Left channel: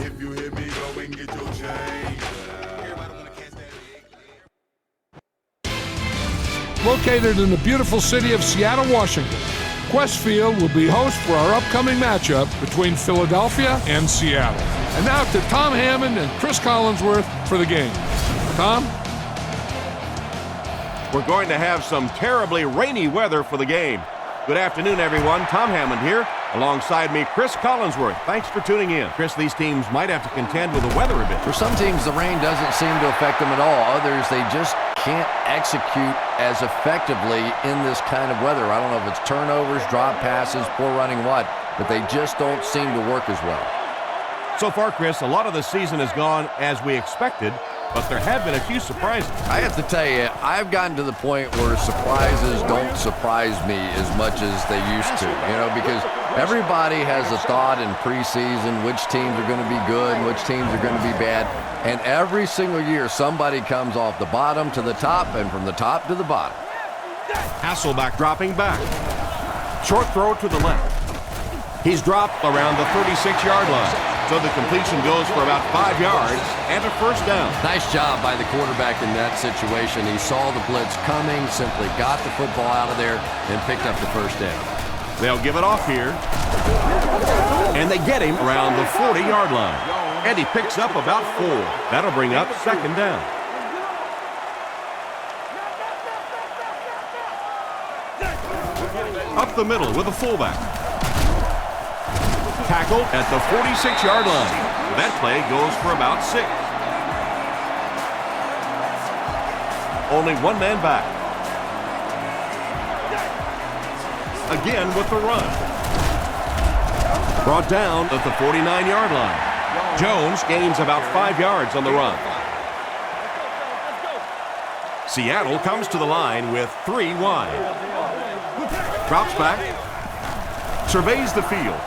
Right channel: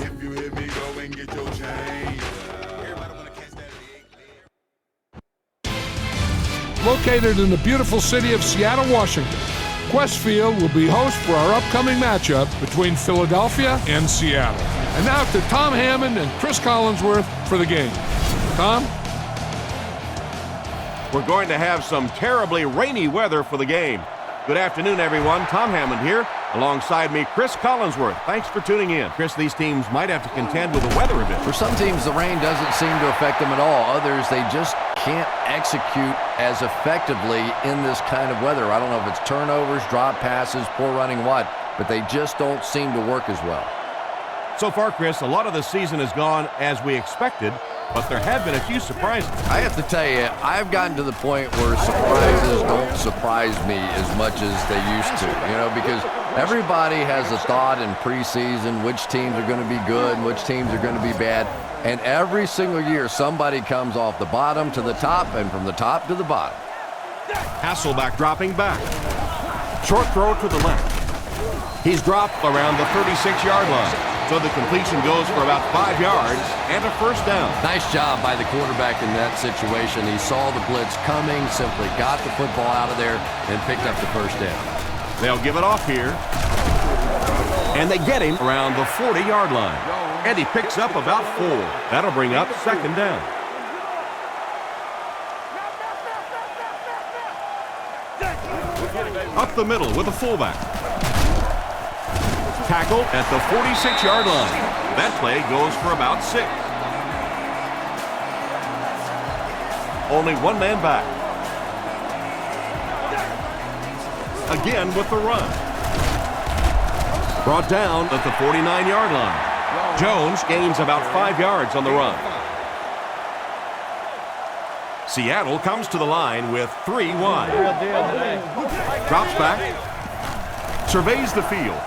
If you hit me, go and get your change. Located in the beautiful city of Seattle, Washington, Qwest Field will be host for our upcoming matchup between Philadelphia and Seattle. And now to Tom Hammond and Chris Collinsworth for the game. Tom? We're going to have some terribly rainy weather for the game. Good afternoon, everyone. Tom Hammond here. Alongside me, Chris Collinsworth. Thanks for tuning in. Chris, these teams might have to contend with the weather a bit. For some teams, the rain doesn't seem to affect them at all. Others, they just can't execute as effectively in this kind of weather. I don't know if it's turnovers, drop passes, poor running, what, but they just don't seem to work as well. So far, Chris, a lot of the season has gone as we expected, but there have been a few surprises. I have to tell you, I've gotten to the point where surprises don't surprise me as much as they used to, because everybody has a thought in preseason which teams are going to be good and which teams are going to be bad. And every single year, somebody comes off the bottom to the top and from the top to the bottom. Hasselbeck dropping back. Short throw to the left. He's dropped around the 36-yard line. So the completion goes for about 5 yards and a first down. Nice job by the quarterback in that situation. He saw the blitz coming, simply got the football out of there, and picked up the first down. They'll give it off here. And they get him around the 40-yard line. And he picks up about 4. That'll bring up second down. Up the middle with a fullback. Tackle at the 46-yard line. That play goes for about 6. Only one man back. Again with the run. Brought down at the 49-yard line. Jones gains about 5 yards on the run. Seattle comes to the line with 3 wide. Drops back. Surveys the field.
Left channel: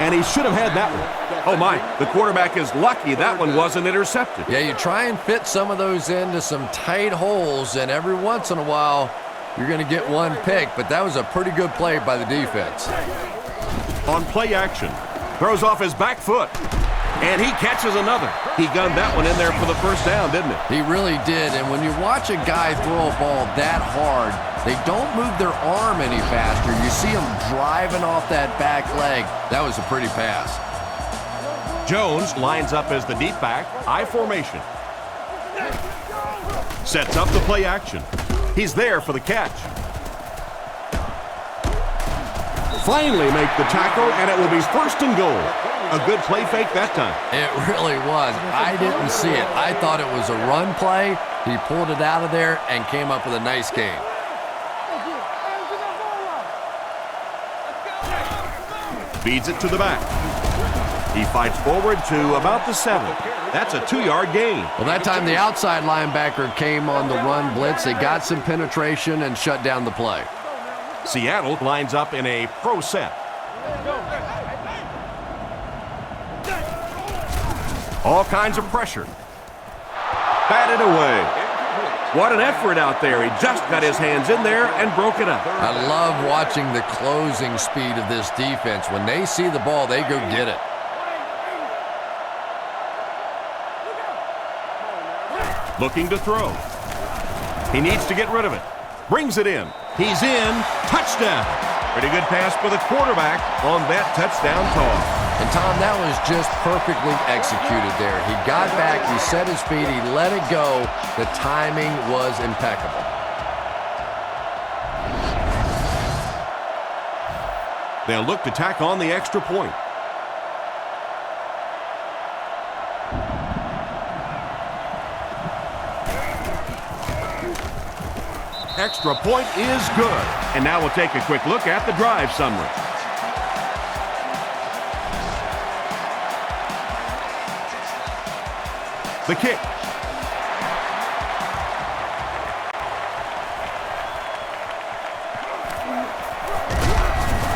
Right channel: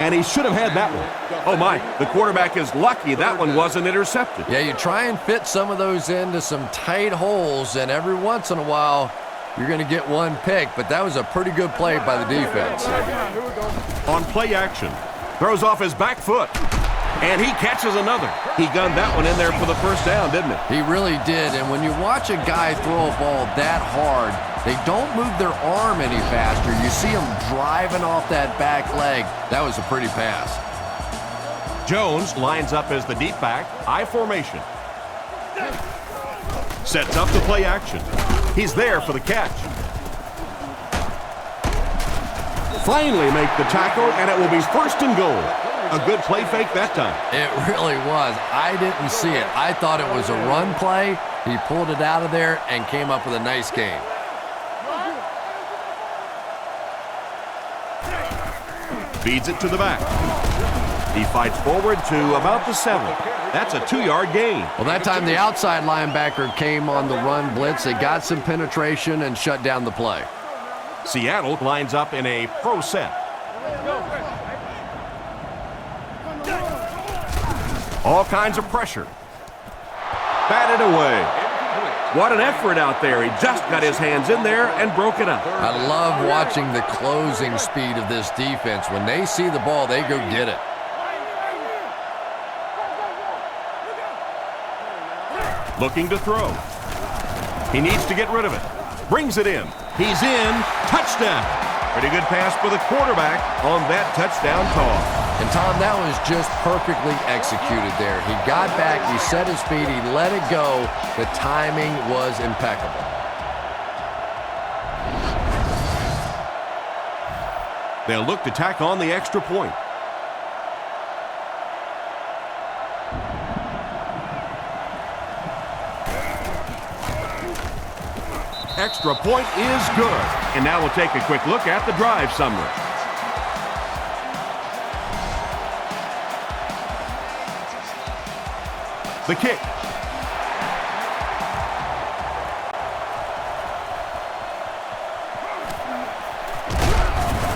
And he should have had that one. Oh my, the quarterback is lucky that one wasn't intercepted. Yeah, you try and fit some of those into some tight holes, and every once in a while, you're going to get one pick, but that was a pretty good play by the defense. On play action, throws off his back foot, and he catches another. He gunned that one in there for the first down, didn't he? He really did, and when you watch a guy throw a ball that hard, they don't move their arm any faster. You see them driving off that back leg. That was a pretty pass. Jones lines up as the deep back, I formation. Sets up the play action. He's there for the catch. Finally make the tackle, and it will be first and goal. A good play fake that time. It really was. I didn't see it. I thought it was a run play. He pulled it out of there and came up with a nice gain. Feeds it to the back. He fights forward to about the 7. That's a 2-yard gain. Well, that time the outside linebacker came on the run blitz. They got some penetration and shut down the play. Seattle lines up in a pro set. All kinds of pressure. Batted away. What an effort out there. He just got his hands in there and broke it up. I love watching the closing speed of this defense. When they see the ball, they go get it. Looking to throw. He needs to get rid of it. Brings it in. He's in. Touchdown. Pretty good pass for the quarterback on that touchdown toss. And, Tom, that was just perfectly executed there. He got back, he set his feet, he let it go. The timing was impeccable. They'll look to tack on the extra point. Extra point is good. And now we'll take a quick look at the drive summary. The kick.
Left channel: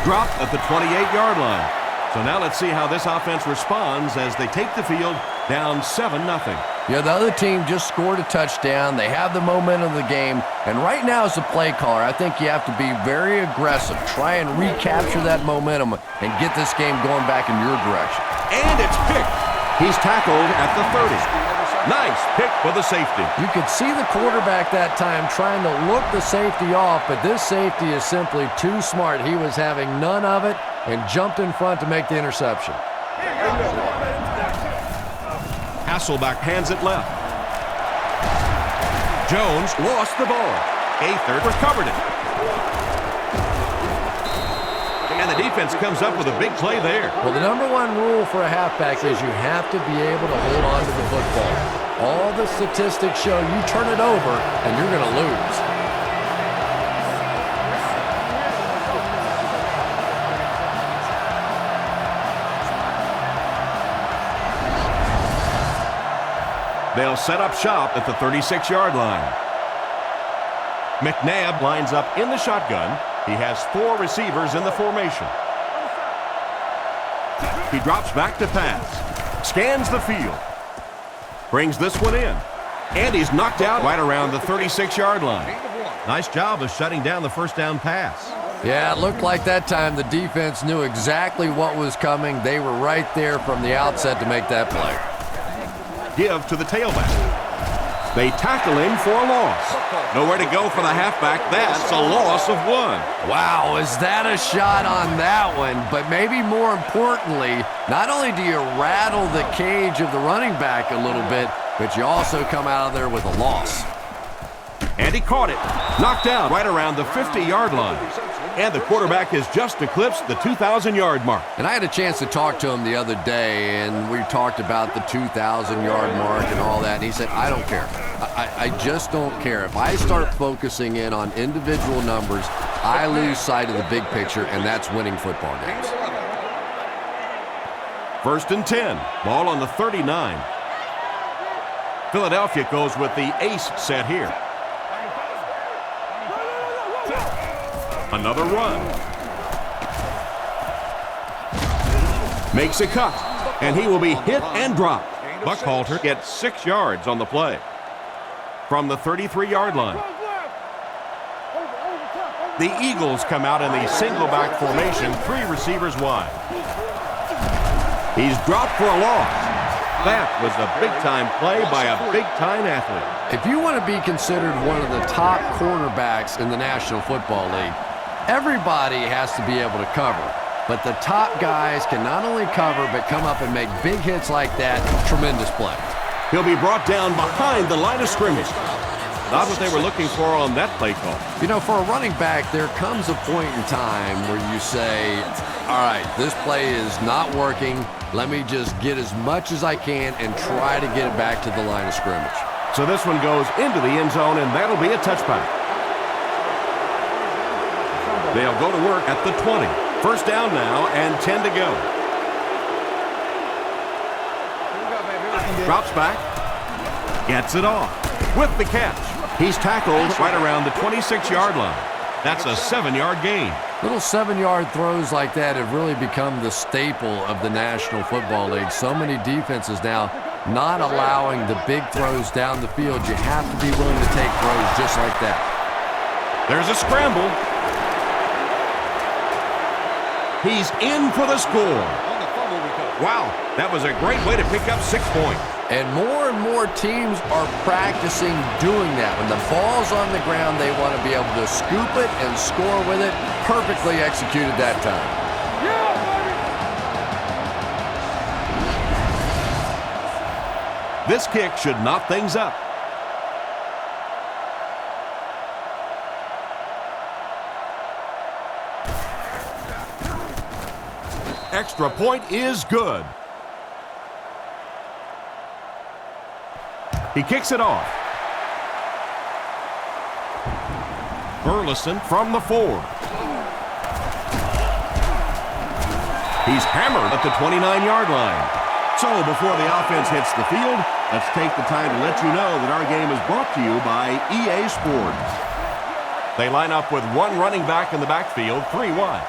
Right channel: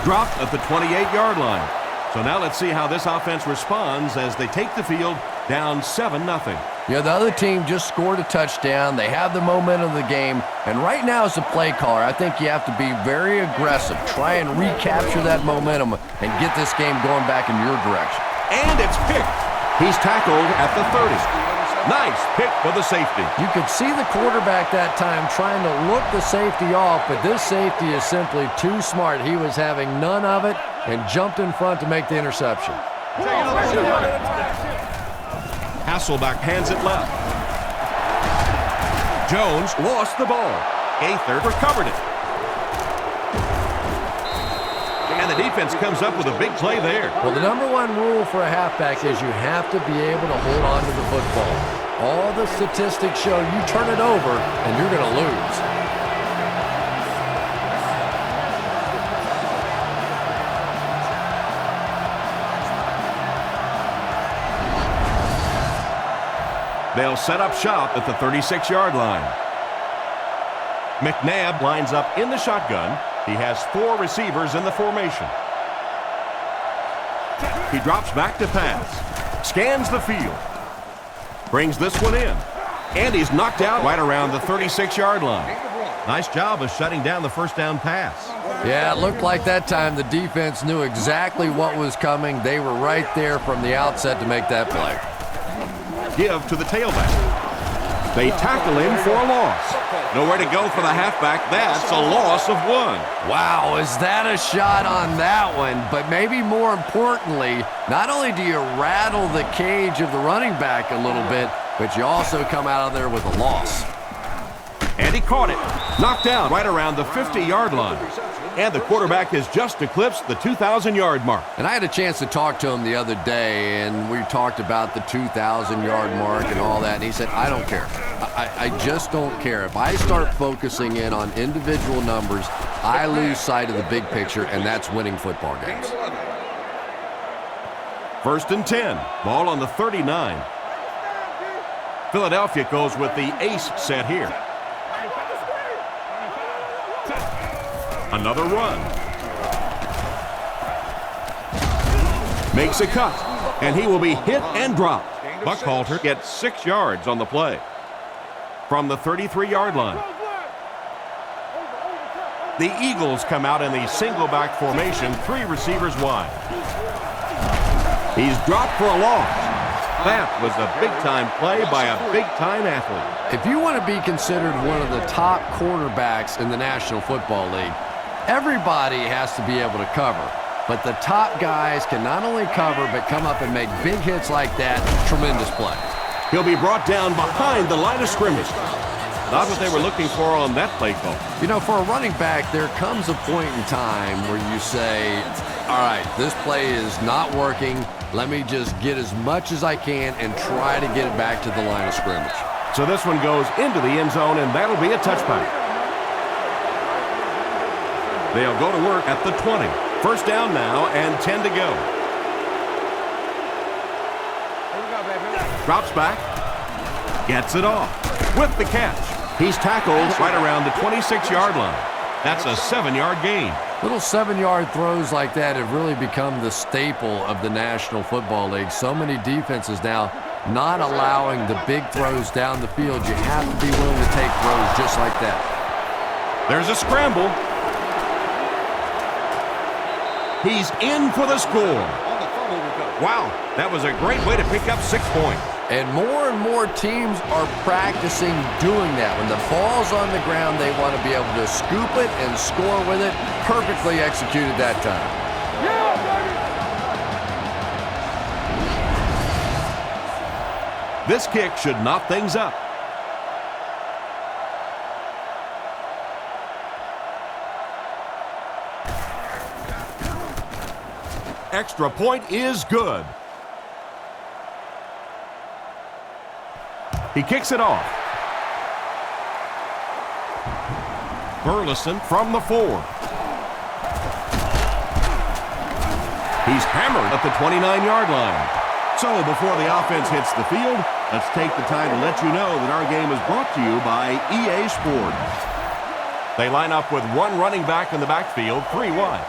Dropped at the 28-yard line. So now let's see how this offense responds as they take the field down 7-0. Yeah, the other team just scored a touchdown. They have the momentum of the game. And right now as a play caller, I think you have to be very aggressive. Try and recapture that momentum and get this game going back in your direction. And it's picked. He's tackled at the 30. Nice pick for the safety. You could see the quarterback that time trying to look the safety off, but this safety is simply too smart. He was having none of it and jumped in front to make the interception. Hasselbeck hands it left. Jones lost the ball. Gaither recovered it. And the defense comes up with a big play there. Well, the number one rule for a halfback is you have to be able to hold on to the football. All the statistics show you turn it over and you're going to lose. They'll set up shop at the 36-yard line. McNabb lines up in the shotgun. He has 4 receivers in the formation. He drops back to pass. Scans the field. Brings this one in. And he's knocked out right around the 36-yard line. Nice job of shutting down the first down pass. Yeah, it looked like that time the defense knew exactly what was coming. They were right there from the outset to make that play. Give to the tailback. They tackle him for a loss. Nowhere to go for the halfback. That's a loss of 1. Wow, is that a shot on that one? But maybe more importantly, not only do you rattle the cage of the running back a little bit, but you also come out of there with a loss. And he caught it. Knocked out right around the 50-yard line. And the quarterback has just eclipsed the 2,000-yard mark. And I had a chance to talk to him the other day, and we talked about the 2,000-yard mark and all that, and he said, I don't care. I just don't care. If I start focusing in on individual numbers, I lose sight of the big picture, and that's winning football games. 1st and 10. Ball on the 39. Philadelphia goes with the ace set here. Another run. Makes a cut, and he will be hit and dropped. Buckhalter gets 6 yards on the play from the 33-yard line. The Eagles come out in the single-back formation, 3 receivers wide. He's dropped for a loss. That was a big-time play by a big-time athlete. If you want to be considered one of the top cornerbacks in the National Football League, everybody has to be able to cover. But the top guys can not only cover, but come up and make big hits like that. Tremendous play. He'll be brought down behind the line of scrimmage. Not what they were looking for on that play call. You know, for a running back, there comes a point in time where you say, all right, this play is not working. Let me just get as much as I can and try to get it back to the line of scrimmage. So this one goes into the end zone, and that'll be a touchback. They'll go to work at the 20. 1st down now and 10 to go. Here we go, baby. Drops back. Gets it off. With the catch. He's tackled right around the 26-yard line. That's a 7-yard gain. Little 7-yard throws like that have really become the staple of the National Football League. So many defenses now not allowing the big throws down the field. You have to be willing to take throws just like that. There's a scramble. He's in for the score. Wow, that was a great way to pick up 6 points. And more teams are practicing doing that. When the ball's on the ground, they want to be able to scoop it and score with it. Perfectly executed that time. Yeah, baby! This kick should knot things up. Extra point is good. He kicks it off. Burleson from the 4. He's hammered at the 29-yard line. So before the offense hits the field, let's take the time to let you know that our game is brought to you by EA Sports. They line up with 1 running back in the backfield, 3 wide.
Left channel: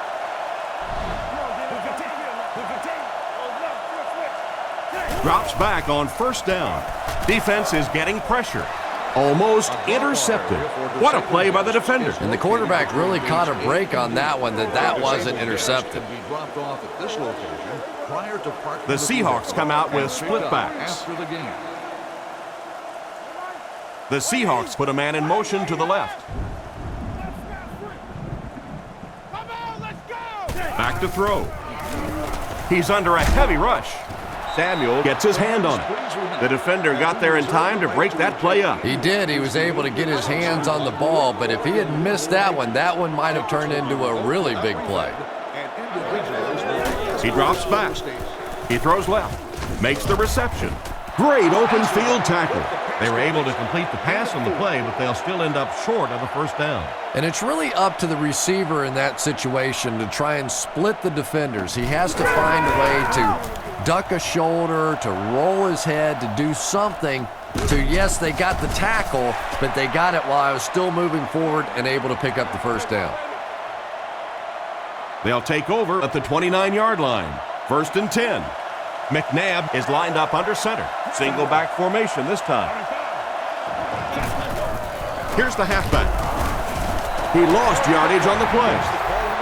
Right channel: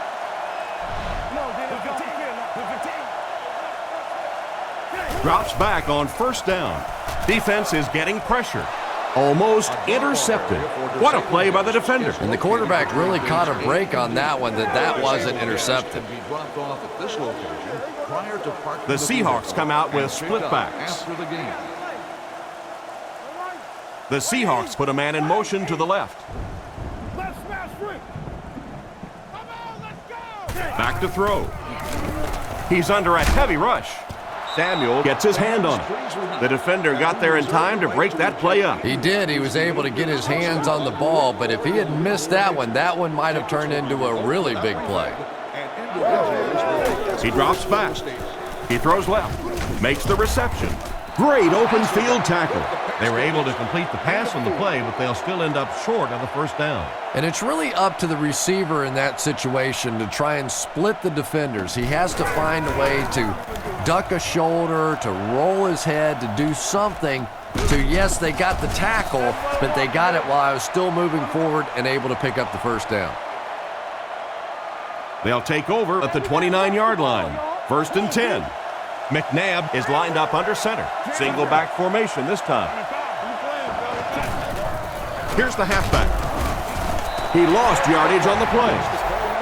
Drops back on first down. Defense is getting pressure. Almost intercepted. What a play by the defender. And the quarterback really caught a break on that one, that wasn't intercepted. The Seahawks come out with split backs. The Seahawks put a man in motion to the left. Back to throw. He's under a heavy rush. Samuel gets his hand on it. The defender got there in time to break that play up. He did. He was able to get his hands on the ball, but if he had missed that one might have turned into a really big play. He drops back. He throws left. Makes the reception. Great open field tackle. They were able to complete the pass on the play, but they'll still end up short of the first down. And it's really up to the receiver in that situation to try and split the defenders. He has to find a way to duck a shoulder, to roll his head, to do something to, yes, they got the tackle, but they got it while I was still moving forward and able to pick up the first down. They'll take over at the 29-yard line. 1st and 10. McNabb is lined up under center. Single back formation this time. Here's the halfback. He lost yardage on the play.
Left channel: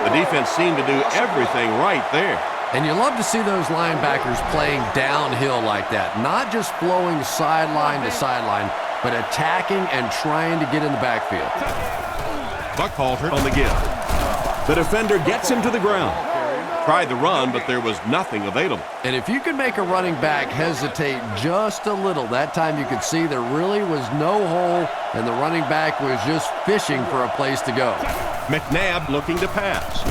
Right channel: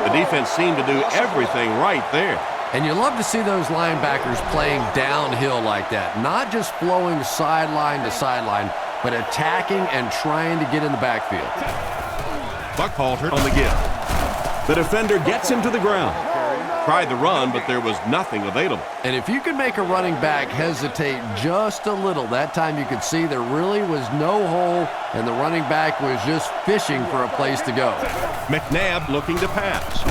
The defense seemed to do everything right there. And you love to see those linebackers playing downhill like that, not just flowing sideline to sideline, but attacking and trying to get in the backfield. Buckhalter on the give. The defender gets him to the ground. Tried the run, but there was nothing available. And if you could make a running back hesitate just a little, that time you could see there really was no hole, and the running back was just fishing for a place to go. McNabb looking to pass.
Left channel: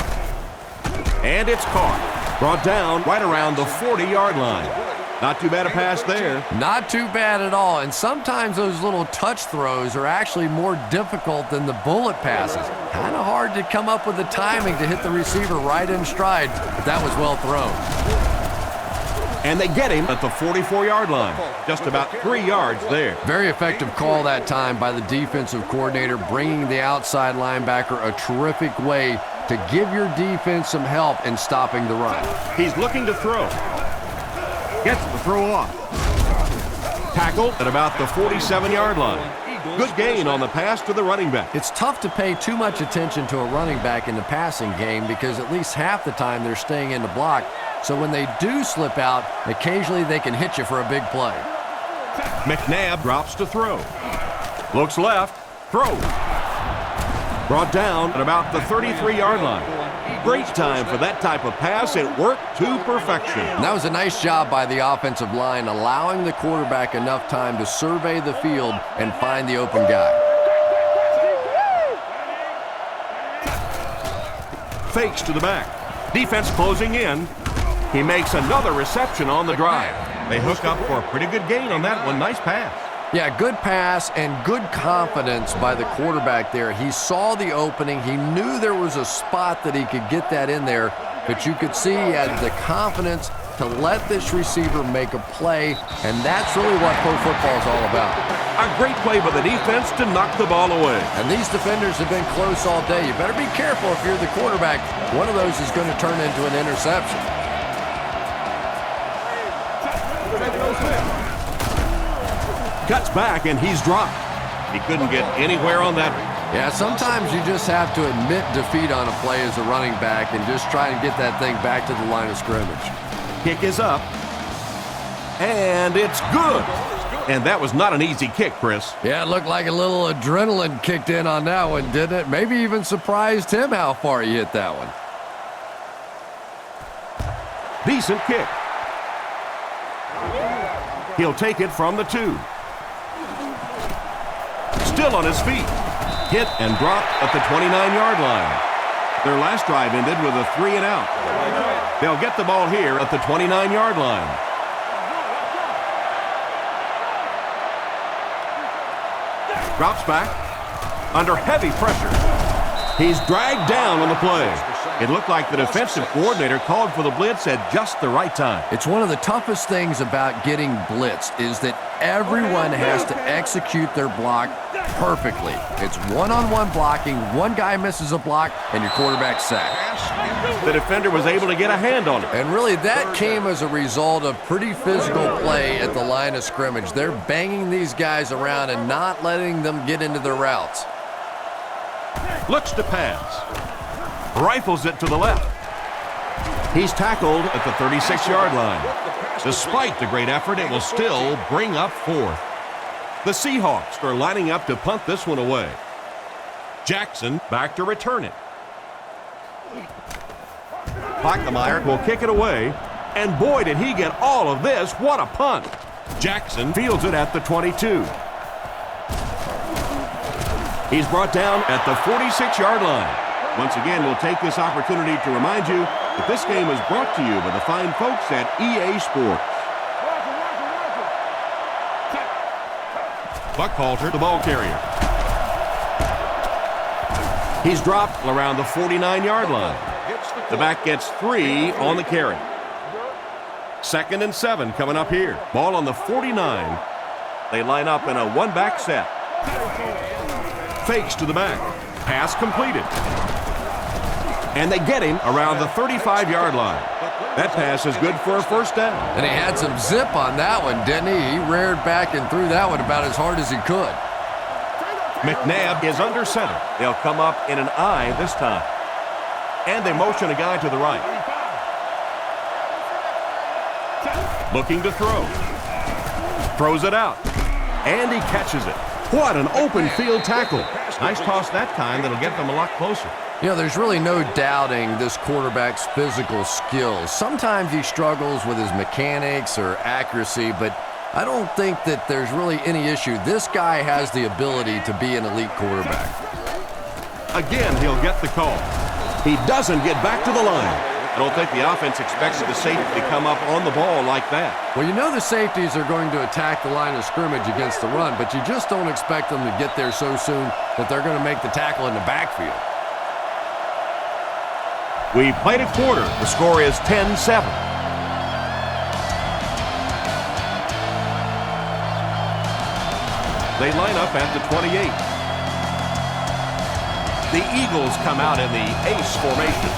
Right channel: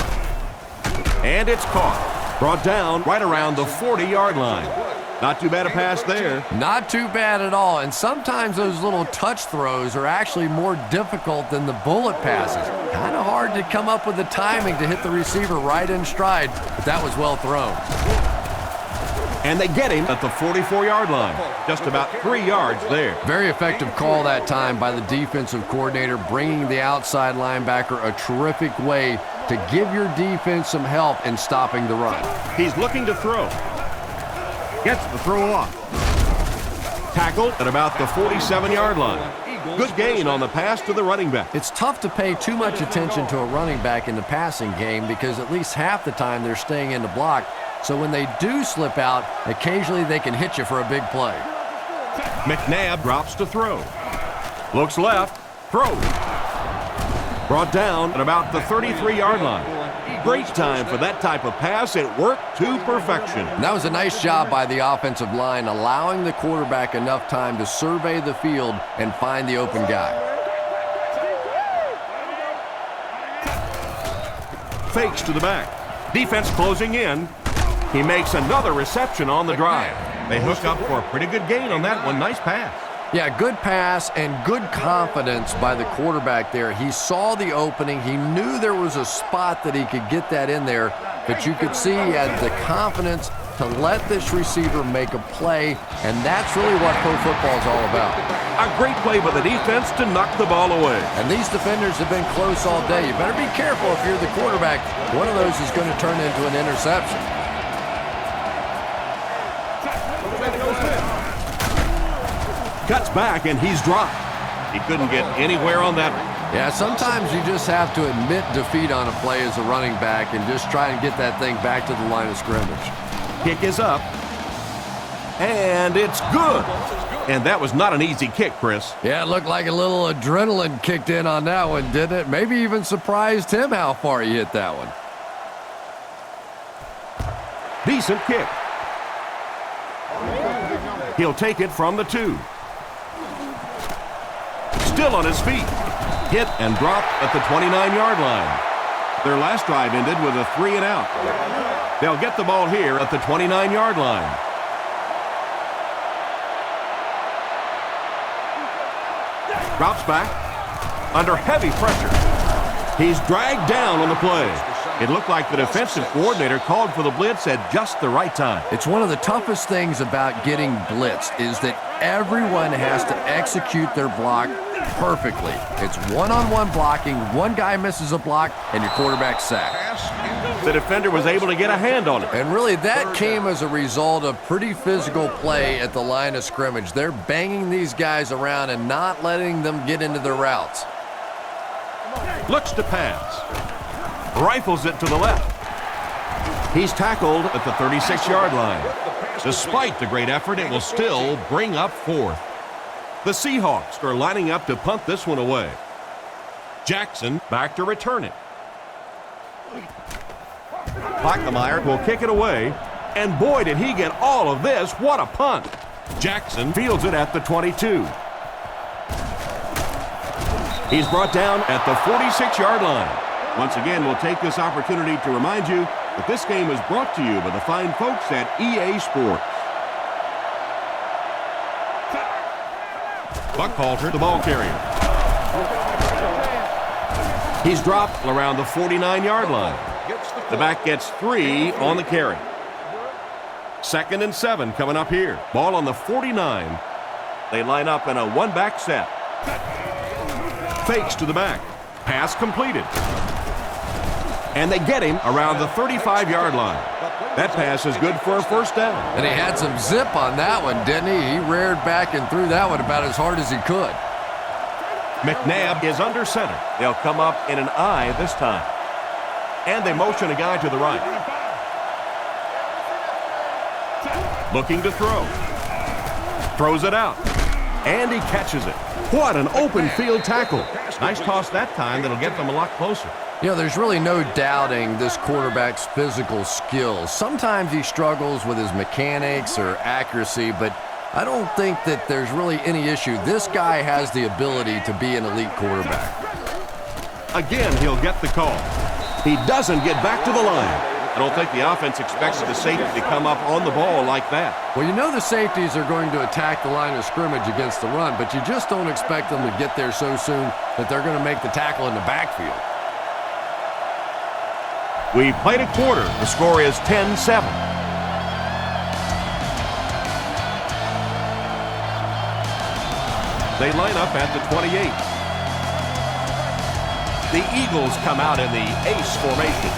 And it's caught. Brought down right around the 40-yard line. Not too bad a pass there. Not too bad at all, and sometimes those little touch throws are actually more difficult than the bullet passes. Kind of hard to come up with the timing to hit the receiver right in stride, but that was well thrown. And they get him at the 44-yard line. Just about 3 yards there. Very effective call that time by the defensive coordinator, bringing the outside linebacker a terrific way to give your defense some help in stopping the run. He's looking to throw. Gets the throw off. Tackled at about the 47-yard line. Good gain on the pass to the running back. It's tough to pay too much attention to a running back in the passing game because at least half the time they're staying in the block. So when they do slip out, occasionally they can hit you for a big play. McNabb drops to throw. Looks left. Throw. Brought down at about the 33-yard line. Great time for that type of pass. It worked to perfection. And that was a nice job by the offensive line, allowing the quarterback enough time to survey the field and find the open guy. Fakes to the back. Defense closing in. He makes another reception on the drive. They hook up for a pretty good gain on that one. Nice pass. Yeah, good pass and good confidence by the quarterback there. He saw the opening. He knew there was a spot that he could get that in there, but you could see he had the confidence to let this receiver make a play, and that's really what pro football is all about. A great play by the defense to knock the ball away. And these defenders have been close all day. You better be careful if you're the quarterback. One of those is going to turn into an interception. Cuts back, and he's dropped. He couldn't get anywhere on that one. Yeah, sometimes you just have to admit defeat on a play as a running back and just try and get that thing back to the line of scrimmage. Kick is up. And it's good. And that was not an easy kick, Chris. Yeah, it looked like a little adrenaline kicked in on that one, didn't it? Maybe even surprised him how far he hit that one. Decent kick. He'll take it from the 2. Still on his feet. Hit and dropped at the 29-yard line. Their last drive ended with a 3-and-out. They'll get the ball here at the 29-yard line. Drops back under heavy pressure. He's dragged down on the play. It looked like the defensive coordinator called for the blitz at just the right time. It's one of the toughest things about getting blitzed is that everyone has to execute their block perfectly. It's one-on-one blocking. One guy misses a block, and your quarterback's sacked. The defender was able to get a hand on it. And really, that came as a result of pretty physical play at the line of scrimmage. They're banging these guys around and not letting them get into their routes. Looks to pass. Rifles it to the left. He's tackled at the 36-yard line. Despite the great effort, it will still bring up fourth. The Seahawks are lining up to punt this one away. Jackson back to return it. Pockmeyer will kick it away. And boy, did he get all of this. What a punt. Jackson fields it at the 22. He's brought down at the 46-yard line. Once again, we'll take this opportunity to remind you that this game is brought to you by the fine folks at EA Sports. Buckhalter, the ball carrier. He's dropped around the 49-yard line. The back gets 3 on the carry. 2nd and 7 coming up here. Ball on the 49. They line up in a one-back set. Fakes to the back. Pass completed. And they get him around the 35-yard line. That pass is good for a first down. And he had some zip on that one, didn't he? He reared back and threw that one about as hard as he could. McNabb is under center. They'll come up in an I this time. And they motion a guy to the right. Looking to throw. Throws it out. And he catches it. What an open field tackle. Nice toss that time that'll get them a lot closer. You know, there's really no doubting this quarterback's physical skills. Sometimes he struggles with his mechanics or accuracy, but I don't think that there's really any issue. This guy has the ability to be an elite quarterback. Again, he'll get the call. He doesn't get back to the line. I don't think the offense expects the safety to come up on the ball like that. Well, you know the safeties are going to attack the line of scrimmage against the run, but you just don't expect them to get there so soon that they're going to make the tackle in the backfield. We played a quarter. The score is 10-7. They line up at the 28. The Eagles come out in the ace formation.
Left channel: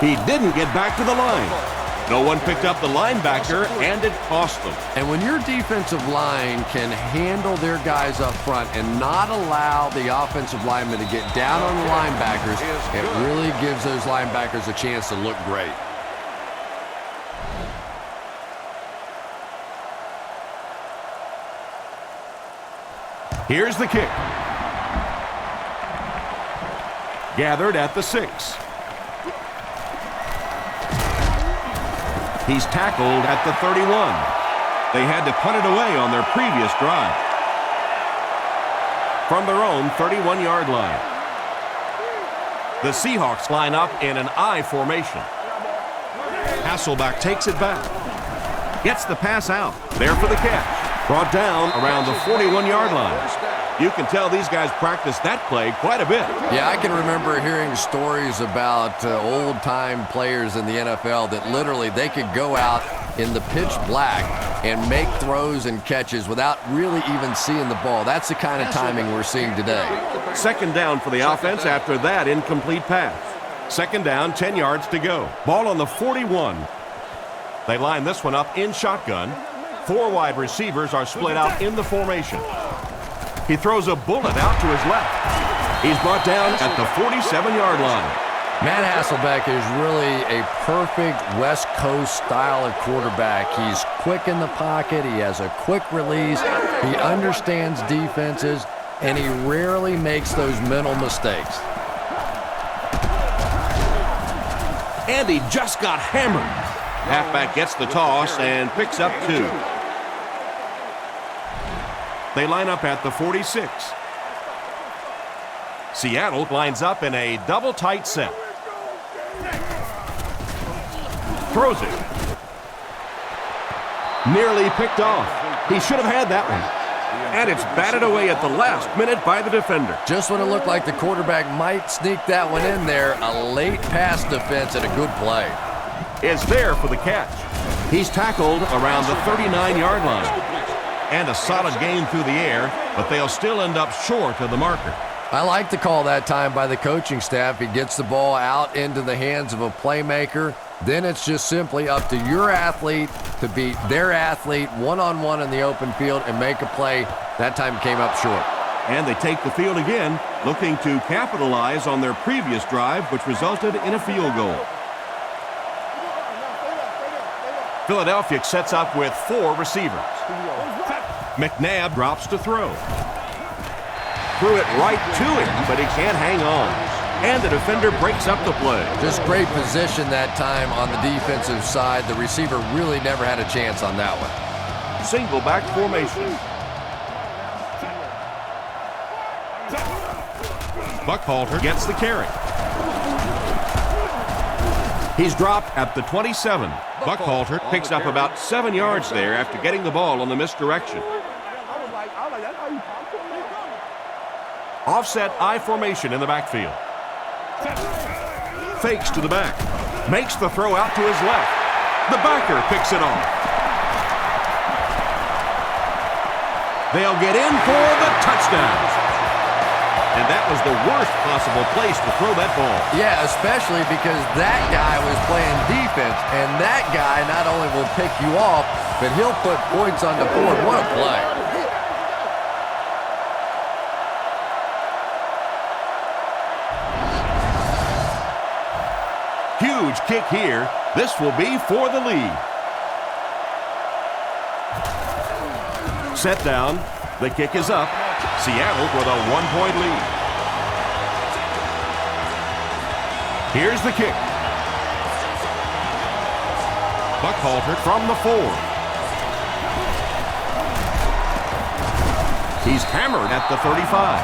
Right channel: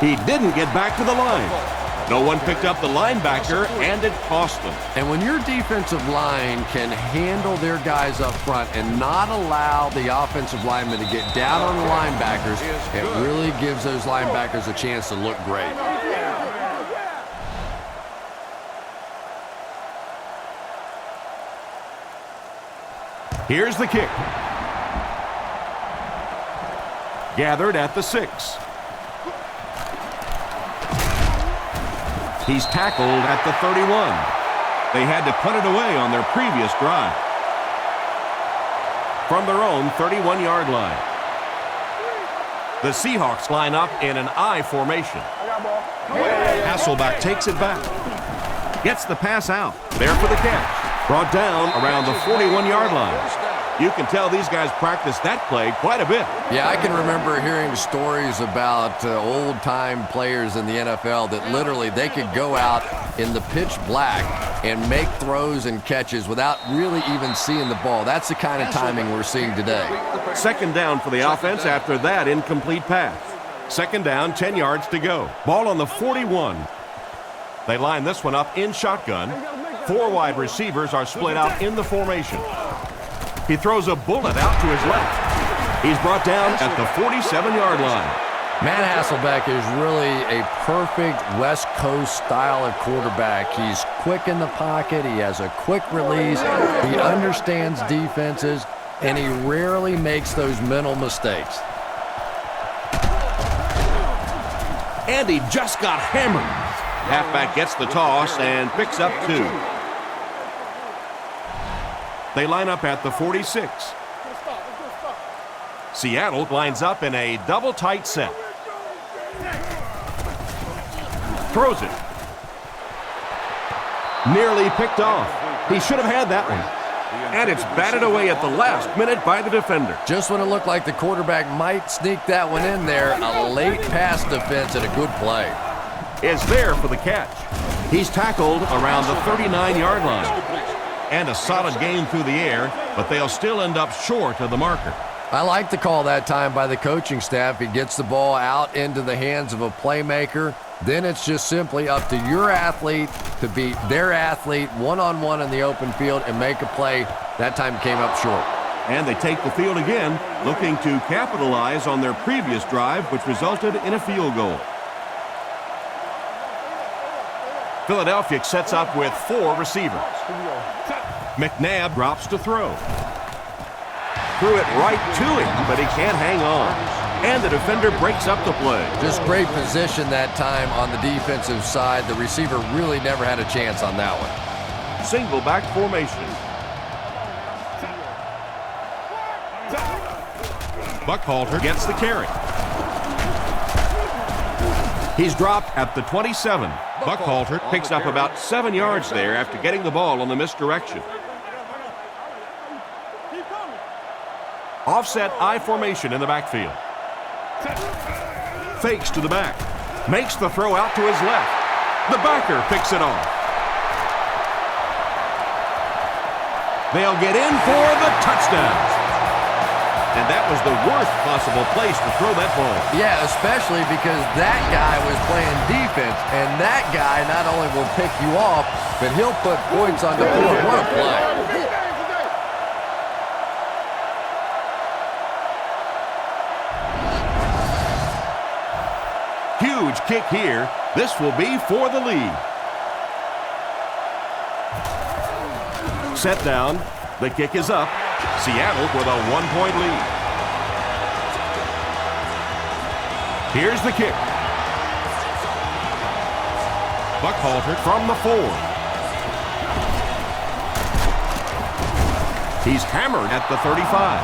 He didn't get back to the line. No one picked up the linebacker, and it cost them. And when your defensive line can handle their guys up front and not allow the offensive linemen to get down on the linebackers, it really gives those linebackers a chance to look great. Here's the kick. Gathered at the 6. He's tackled at the 31. They had to punt it away on their previous drive. From their own 31-yard line. The Seahawks line up in an I formation. Hasselbeck takes it back. Gets the pass out. There for the catch. Brought down around the 41-yard line. You can tell these guys practice that play quite a bit. Yeah, I can remember hearing stories about old-time players in the NFL that literally they could go out in the pitch black and make throws and catches without really even seeing the ball. That's the kind of timing we're seeing today. 2nd down for the offense after that incomplete pass. 2nd down, 10 yards to go. Ball on the 41. They line this one up in shotgun. 4 wide receivers are split out in the formation. He throws a bullet out to his left. He's brought down at the 47-yard line. Matt Hasselbeck is really a perfect West Coast style of quarterback. He's quick in the pocket. He has a quick release. He understands defenses, and he rarely makes those mental mistakes. And he just got hammered. Halfback gets the toss and picks up 2. They line up at the 46. Seattle lines up in a double tight set. Throws it. Nearly picked off. He should have had that one. And it's batted away at the last minute by the defender. Just when it looked like the quarterback might sneak that one in there, a late pass defense and a good play. Is there for the catch. He's tackled around the 39-yard line. And a solid game through the air, but they'll still end up short of the marker. I like the call that time by the coaching staff. He gets the ball out into the hands of a playmaker. Then it's just simply up to your athlete to beat their athlete one-on-one in the open field and make a play. That time came up short. And they take the field again, looking to capitalize on their previous drive, which resulted in a field goal. Philadelphia sets up with 4 receivers. McNabb drops to throw. Threw it right to him, but he can't hang on. And the defender breaks up the play. Just great position that time on the defensive side. The receiver really never had a chance on that one. Single back formation. Buckhalter gets the carry. He's dropped at the 27. Buckhalter picks up about 7 yards there after getting the ball on the misdirection. Offset I formation in the backfield. Fakes to the back. Makes the throw out to his left. The backer picks it off. They'll get in for the touchdown. And that was the worst possible place to throw that ball. Yeah, especially because that guy was playing defense, and that guy not only will pick you off, but he'll put points on the board. What a play. Huge kick here. This will be for the lead. Set down. The kick is up. Seattle with a 1-point lead. Here's the kick. Buckhalter from the 4. He's hammered at the 35.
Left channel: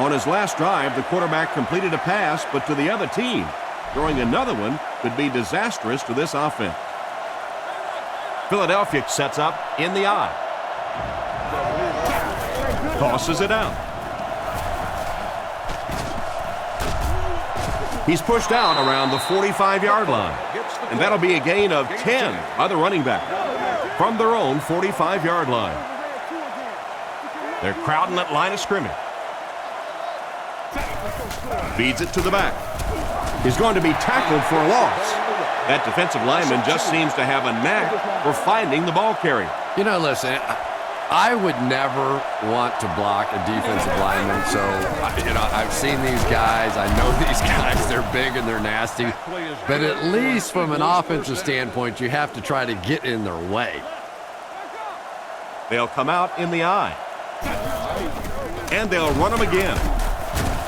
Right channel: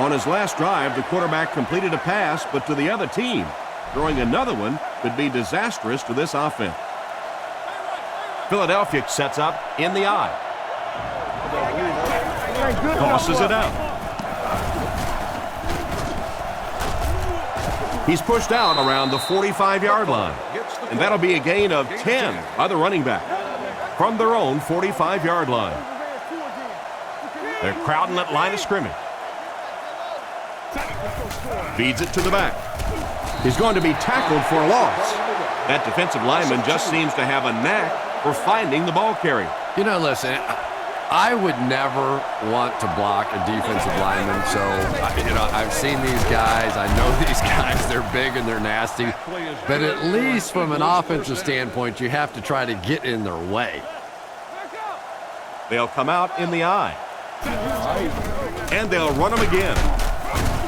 On his last drive, the quarterback completed a pass, but to the other team. Throwing another one could be disastrous to this offense. Philadelphia sets up in the eye. Tosses it out. He's pushed out around the 45-yard line. And that'll be a gain of 10 by the running back from their own 45-yard line. They're crowding that line of scrimmage. Feeds it to the back. He's going to be tackled for a loss. That defensive lineman just seems to have a knack for finding the ball carrier. You know, listen, I would never want to block a defensive lineman, so I've seen these guys. I know these guys. They're big and they're nasty. But at least from an offensive standpoint, you have to try to get in their way. They'll come out in the eye. And they'll run him again.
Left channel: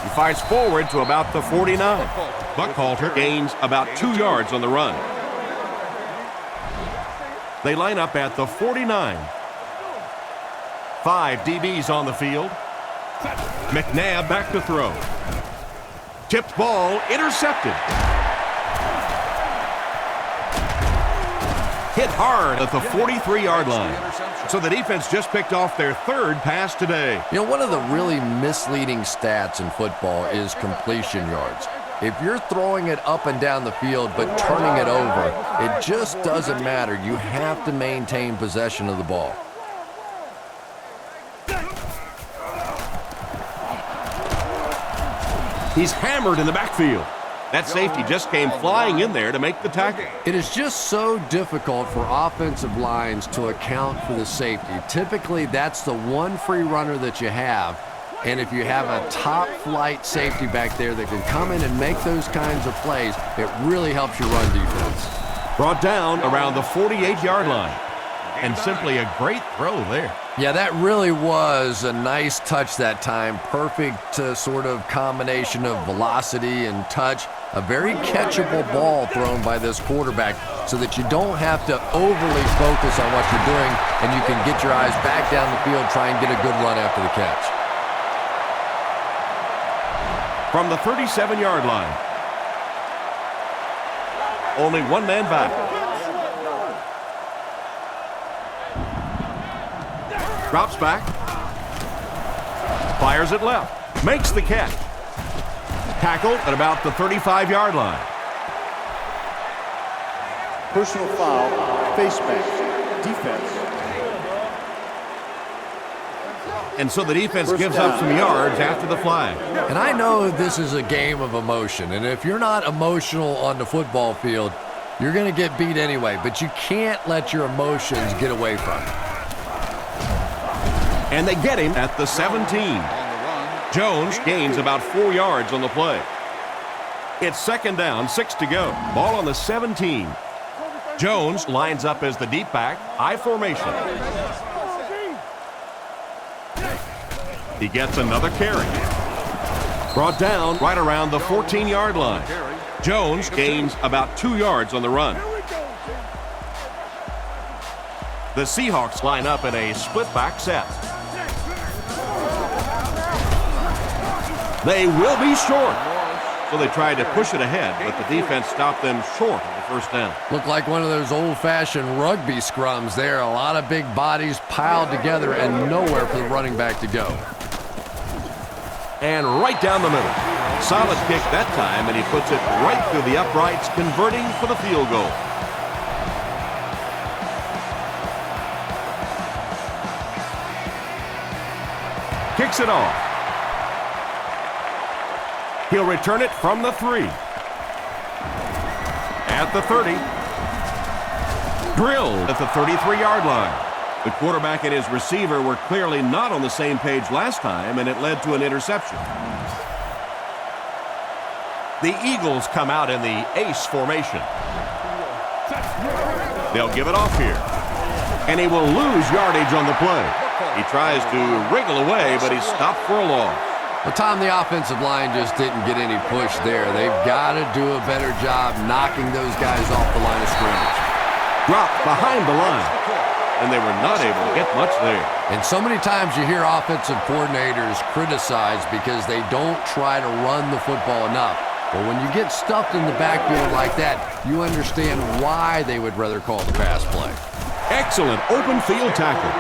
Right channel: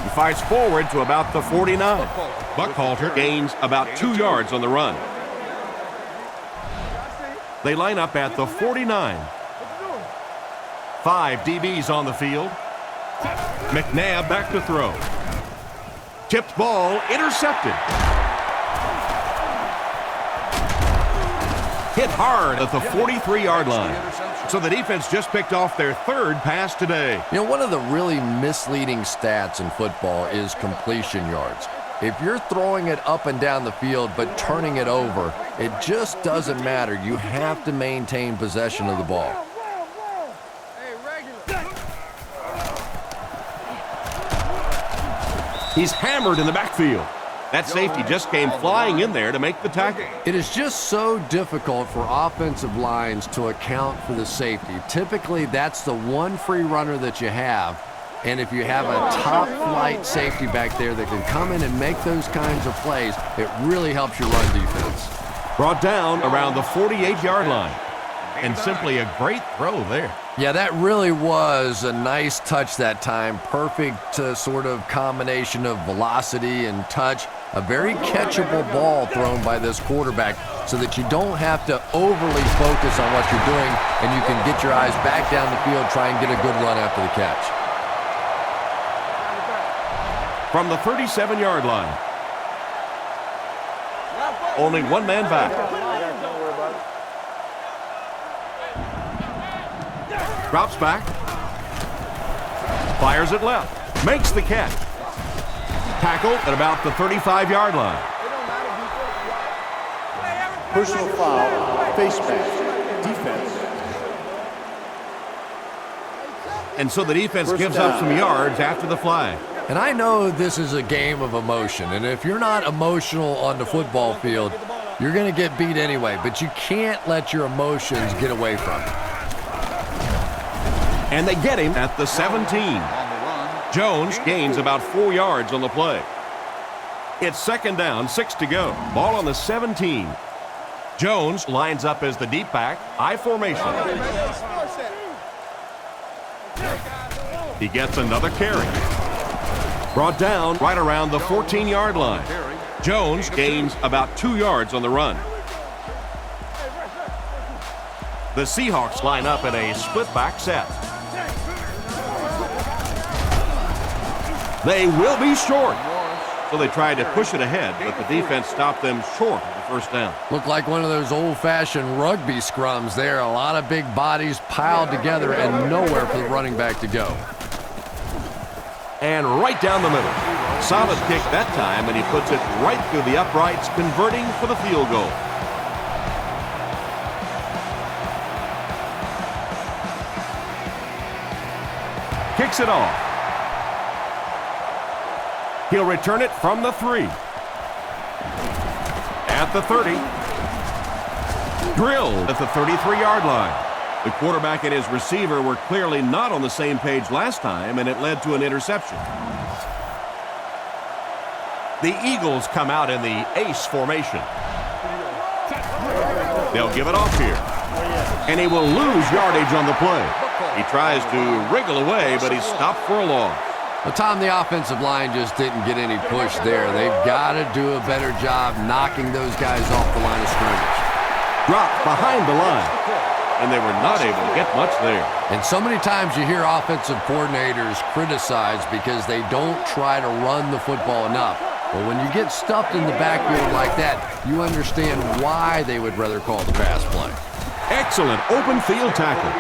He fights forward to about the 49. Buckhalter gains about 2 yards on the run. They line up at the 49. 5 DBs on the field. McNabb back to throw. Tipped ball, intercepted. Hit hard at the 43-yard line. So the defense just picked off their 3rd pass today. You know, one of the really misleading stats in football is completion yards. If you're throwing it up and down the field but turning it over, it just doesn't matter. You have to maintain possession of the ball. He's hammered in the backfield. That safety just came flying in there to make the tackle. It is just so difficult for offensive lines to account for the safety. Typically, that's the one free runner that you have. And if you have a top-flight safety back there that can come in and make those kinds of plays, it really helps your run defense. Brought down around the 48-yard line. And simply a great throw there. Yeah, that really was a nice touch that time. Perfect sort of combination of velocity and touch. A very catchable ball thrown by this quarterback so that you don't have to overly focus on what you're doing and you can get your eyes back down the field, try and get a good run after the catch. From the 37-yard line. Only one man back. Drops back. Fires it left. Makes the catch. Tackled at about the 35-yard line. Personal foul, face mask, defense. And so the defense First gives down. up some yards after the flag. And I know this is a game of emotion, and if you're not emotional on the football field, you're going to get beat anyway, but you can't let your emotions get away from you. And they get him at the 17. Jones gains about 4 yards on the play. It's second down, 6 to go. Ball on the 17. Jones lines up as the deep back, I formation. He gets another carry. Brought down right around the 14-yard line. Jones gains about 2 yards on the run. The Seahawks line up in a split back set. They will be short. So they tried to push it ahead, but the defense stopped them short of the first down. Looked like one of those old-fashioned rugby scrums there. A lot of big bodies piled together and nowhere for the running back to go. And right down the middle. Solid kick that time, and he puts it right through the uprights, converting for the field goal. Kicks it off. He'll return it from the 3. At the 30. Drilled at the 33-yard line. The quarterback and his receiver were clearly not on the same page last time, and it led to an interception. The Eagles come out in the ace formation. They'll give it off here. And he will lose yardage on the play. He tries to wriggle away, but he's stopped for a loss. Well, Tom, the offensive line just didn't get any push there. They've got to do a better job knocking those guys off the line of scrimmage. Dropped behind the line, and they were not able to get much there. And so many times you hear offensive coordinators criticized because they don't try to run the football enough. Well, when you get stuffed in the backfield like that, you understand why they would rather call the pass play. Excellent open field tackle.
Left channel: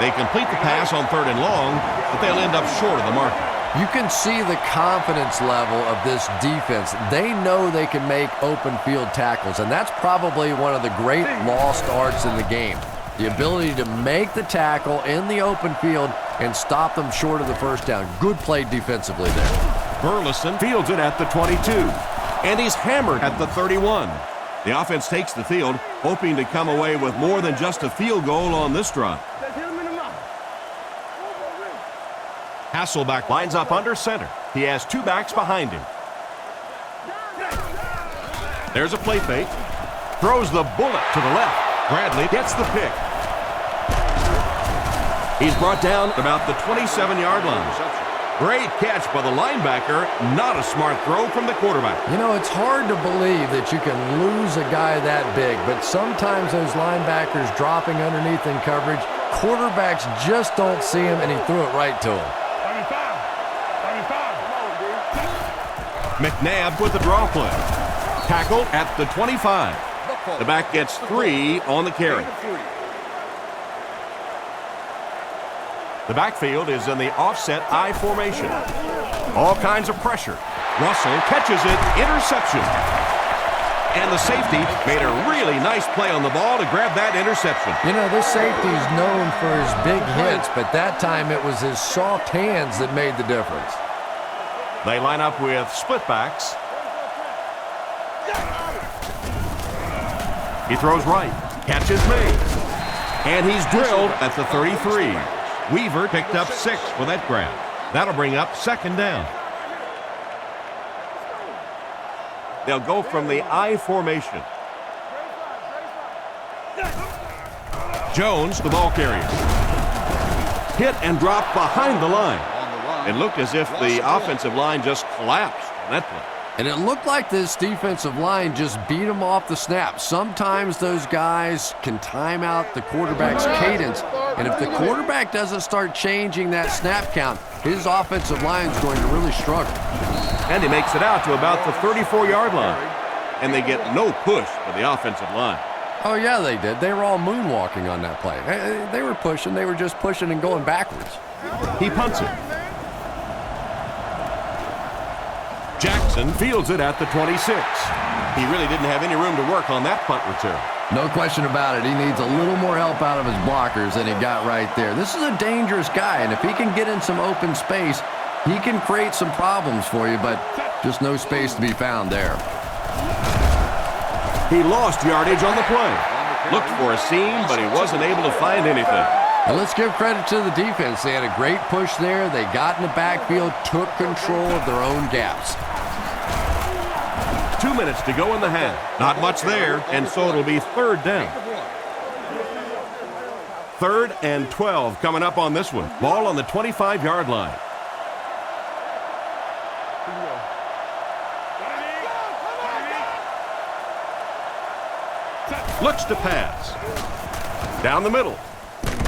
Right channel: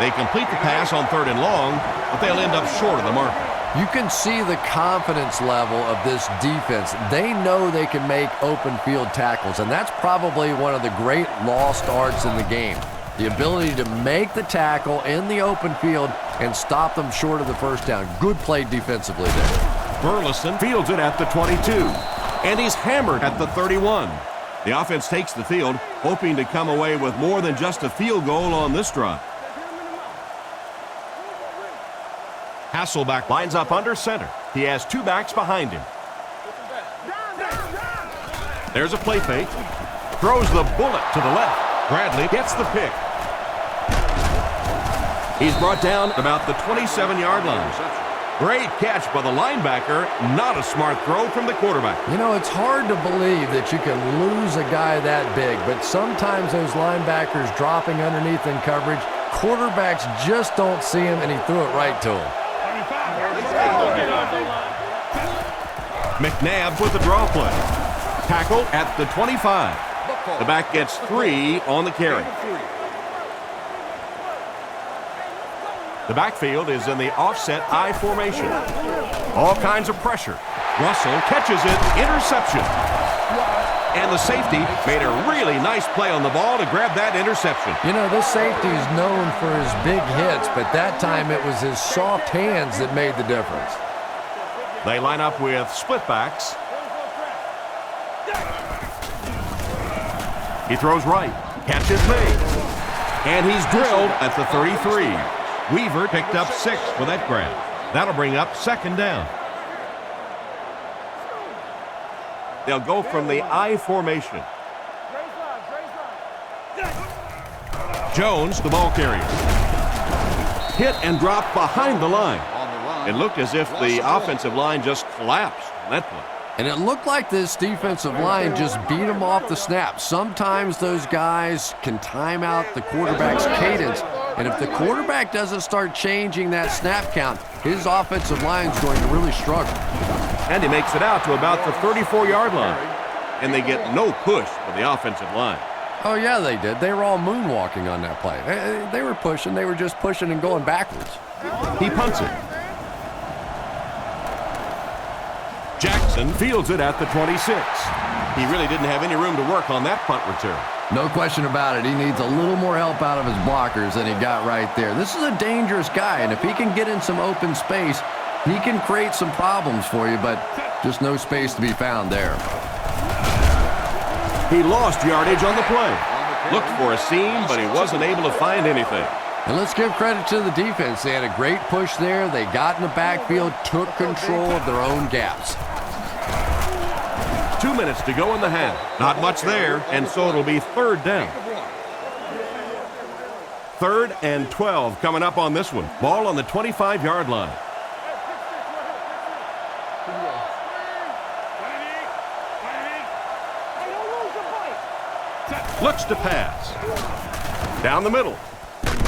They complete the pass on 3rd and long, but they'll end up short of the marker. You can see the confidence level of this defense. They know they can make open field tackles, and that's probably one of the great lost arts in the game. The ability to make the tackle in the open field and stop them short of the first down. Good play defensively there. Burleson fields it at the 22, and he's hammered at the 31. The offense takes the field, hoping to come away with more than just a field goal on this drive. Hasselback lines up under center. He has 2 backs behind him. There's a play fake. Throws the bullet to the left. Bradley gets the pick. He's brought down about the 27-yard line. Great catch by the linebacker. Not a smart throw from the quarterback. You know, it's hard to believe that you can lose a guy that big, but sometimes those linebackers dropping underneath in coverage, quarterbacks just don't see him, and he threw it right to him. McNabb with the draw play. Tackle at the 25. The back gets 3 on the carry. The backfield is in the offset I formation. All kinds of pressure. Russell catches it, interception. And the safety made a really nice play on the ball to grab that interception. You know, this safety is known for his big hits, but that time it was his soft hands that made the difference. They line up with split backs. He throws right. Catch is made. And he's drilled at the 33. Weaver picked up 6 for that grab. That'll bring up second down. They'll go from the I formation. Jones, the ball carrier. Hit and dropped behind the line. It looked as if the offensive line just collapsed on that play. And it looked like this defensive line just beat him off the snap. Sometimes those guys can time out the quarterback's cadence, and if the quarterback doesn't start changing that snap count, his offensive line is going to really struggle. And he makes it out to about the 34-yard line. And they get no push for the offensive line. Oh, yeah, they did. They were all moonwalking on that play. They were pushing. They were just pushing and going backwards. He punts it. Jackson fields it at the 26. He really didn't have any room to work on that punt return. No question about it. He needs a little more help out of his blockers than he got right there. This is a dangerous guy, and if he can get in some open space, he can create some problems for you, but just no space to be found there. He lost yardage on the play. Looked for a seam, but he wasn't able to find anything. And let's give credit to the defense. They had a great push there. They got in the backfield, took control of their own gaps. 2 minutes to go in the half. Not much there, and so it'll be third down. 3rd and 12 coming up on this one. Ball on the 25-yard line. Looks to pass. Down the middle.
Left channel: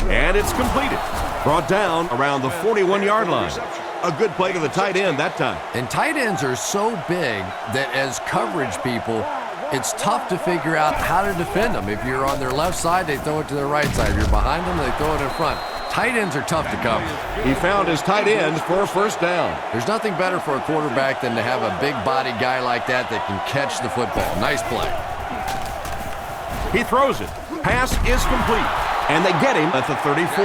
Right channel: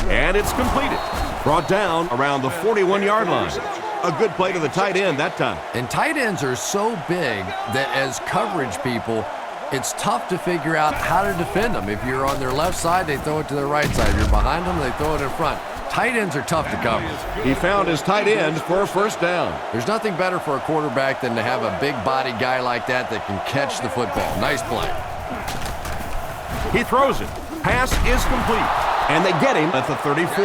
And it's completed. Brought down around the 41-yard line. A good play to the tight end that time. And tight ends are so big that as coverage people, it's tough to figure out how to defend them. If you're on their left side, they throw it to their right side. If you're behind them, they throw it in front. Tight ends are tough to cover. He found his tight end for a first down. There's nothing better for a quarterback than to have a big body guy like that can catch the football. Nice play. He throws it. Pass is complete. And they get him at the 34.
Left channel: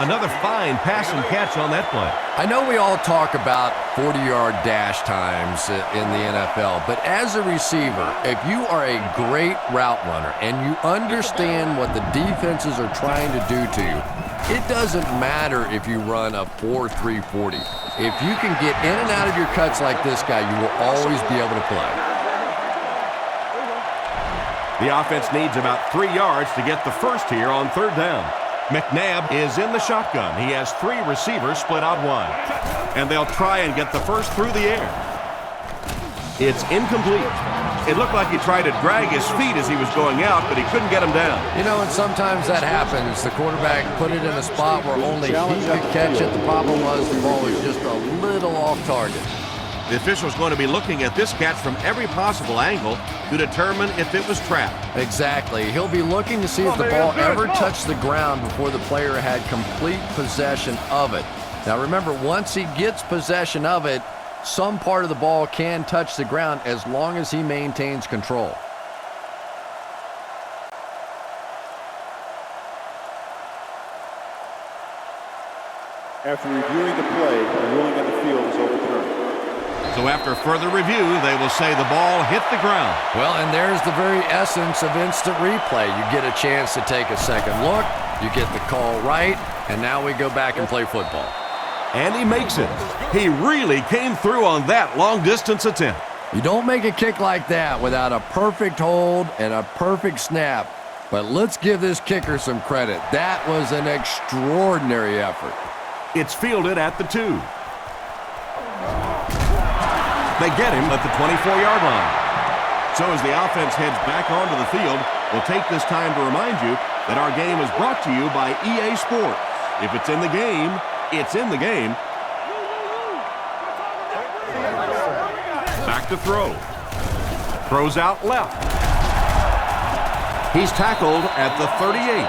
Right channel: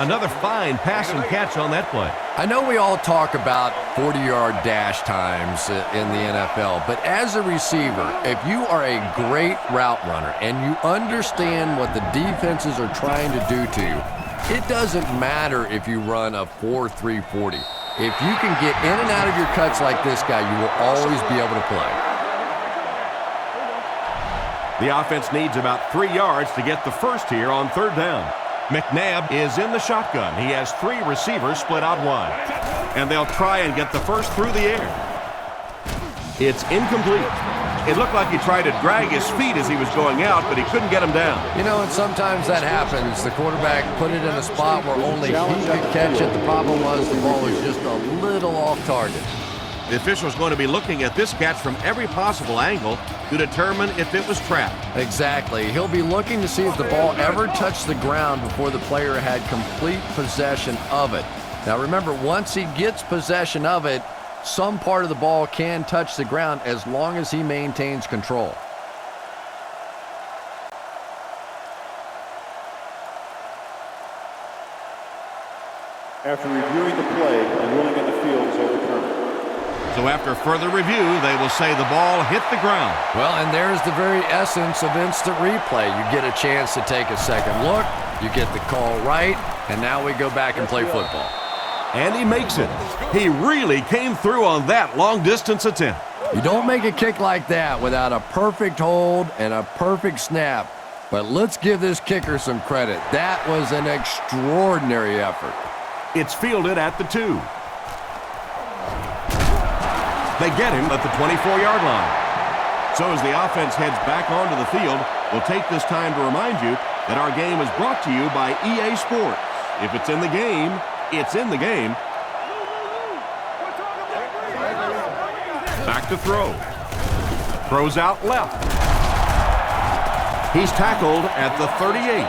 Another fine pass and catch on that play. I know we all talk about 40-yard dash times in the NFL, but as a receiver, if you are a great route runner and you understand what the defenses are trying to do to you, it doesn't matter if you run a 4.3 40. If you can get in and out of your cuts like this guy, you will always be able to play. The offense needs about 3 yards to get the first here on third down. McNabb is in the shotgun. He has 3 receivers split out wide. And they'll try and get the first through the air. It's incomplete. It looked like he tried to drag his feet as he was going out, but he couldn't get him down. You know, and sometimes that happens. The quarterback put it in a spot where only he could catch it. The problem was the ball was just a little off target. The official's going to be looking at this catch from every possible angle to determine if it was trapped. Exactly. He'll be looking to see if the ball ever touched the ground before the player had complete possession of it. Now remember, once he gets possession of it, some part of the ball can touch the ground as long as he maintains control. After reviewing the play, the ruling on the field is overturned. So after further review, they will say the ball hit the ground. Well, and there's the very essence of instant replay. You get a chance to take a second look, you get the call right, and now we go back and play football. And he makes it. He really came through on that long-distance attempt. You don't make a kick like that without a perfect hold and a perfect snap. But let's give this kicker some credit. That was an extraordinary effort. It's fielded at the 2. They get him at the 24-yard line. So as the offense heads back onto the field, we'll take this time to remind you that our game is brought to you by EA Sports. If it's in the game, it's in the game. Back to throw. Throws out left. He's tackled at the 38.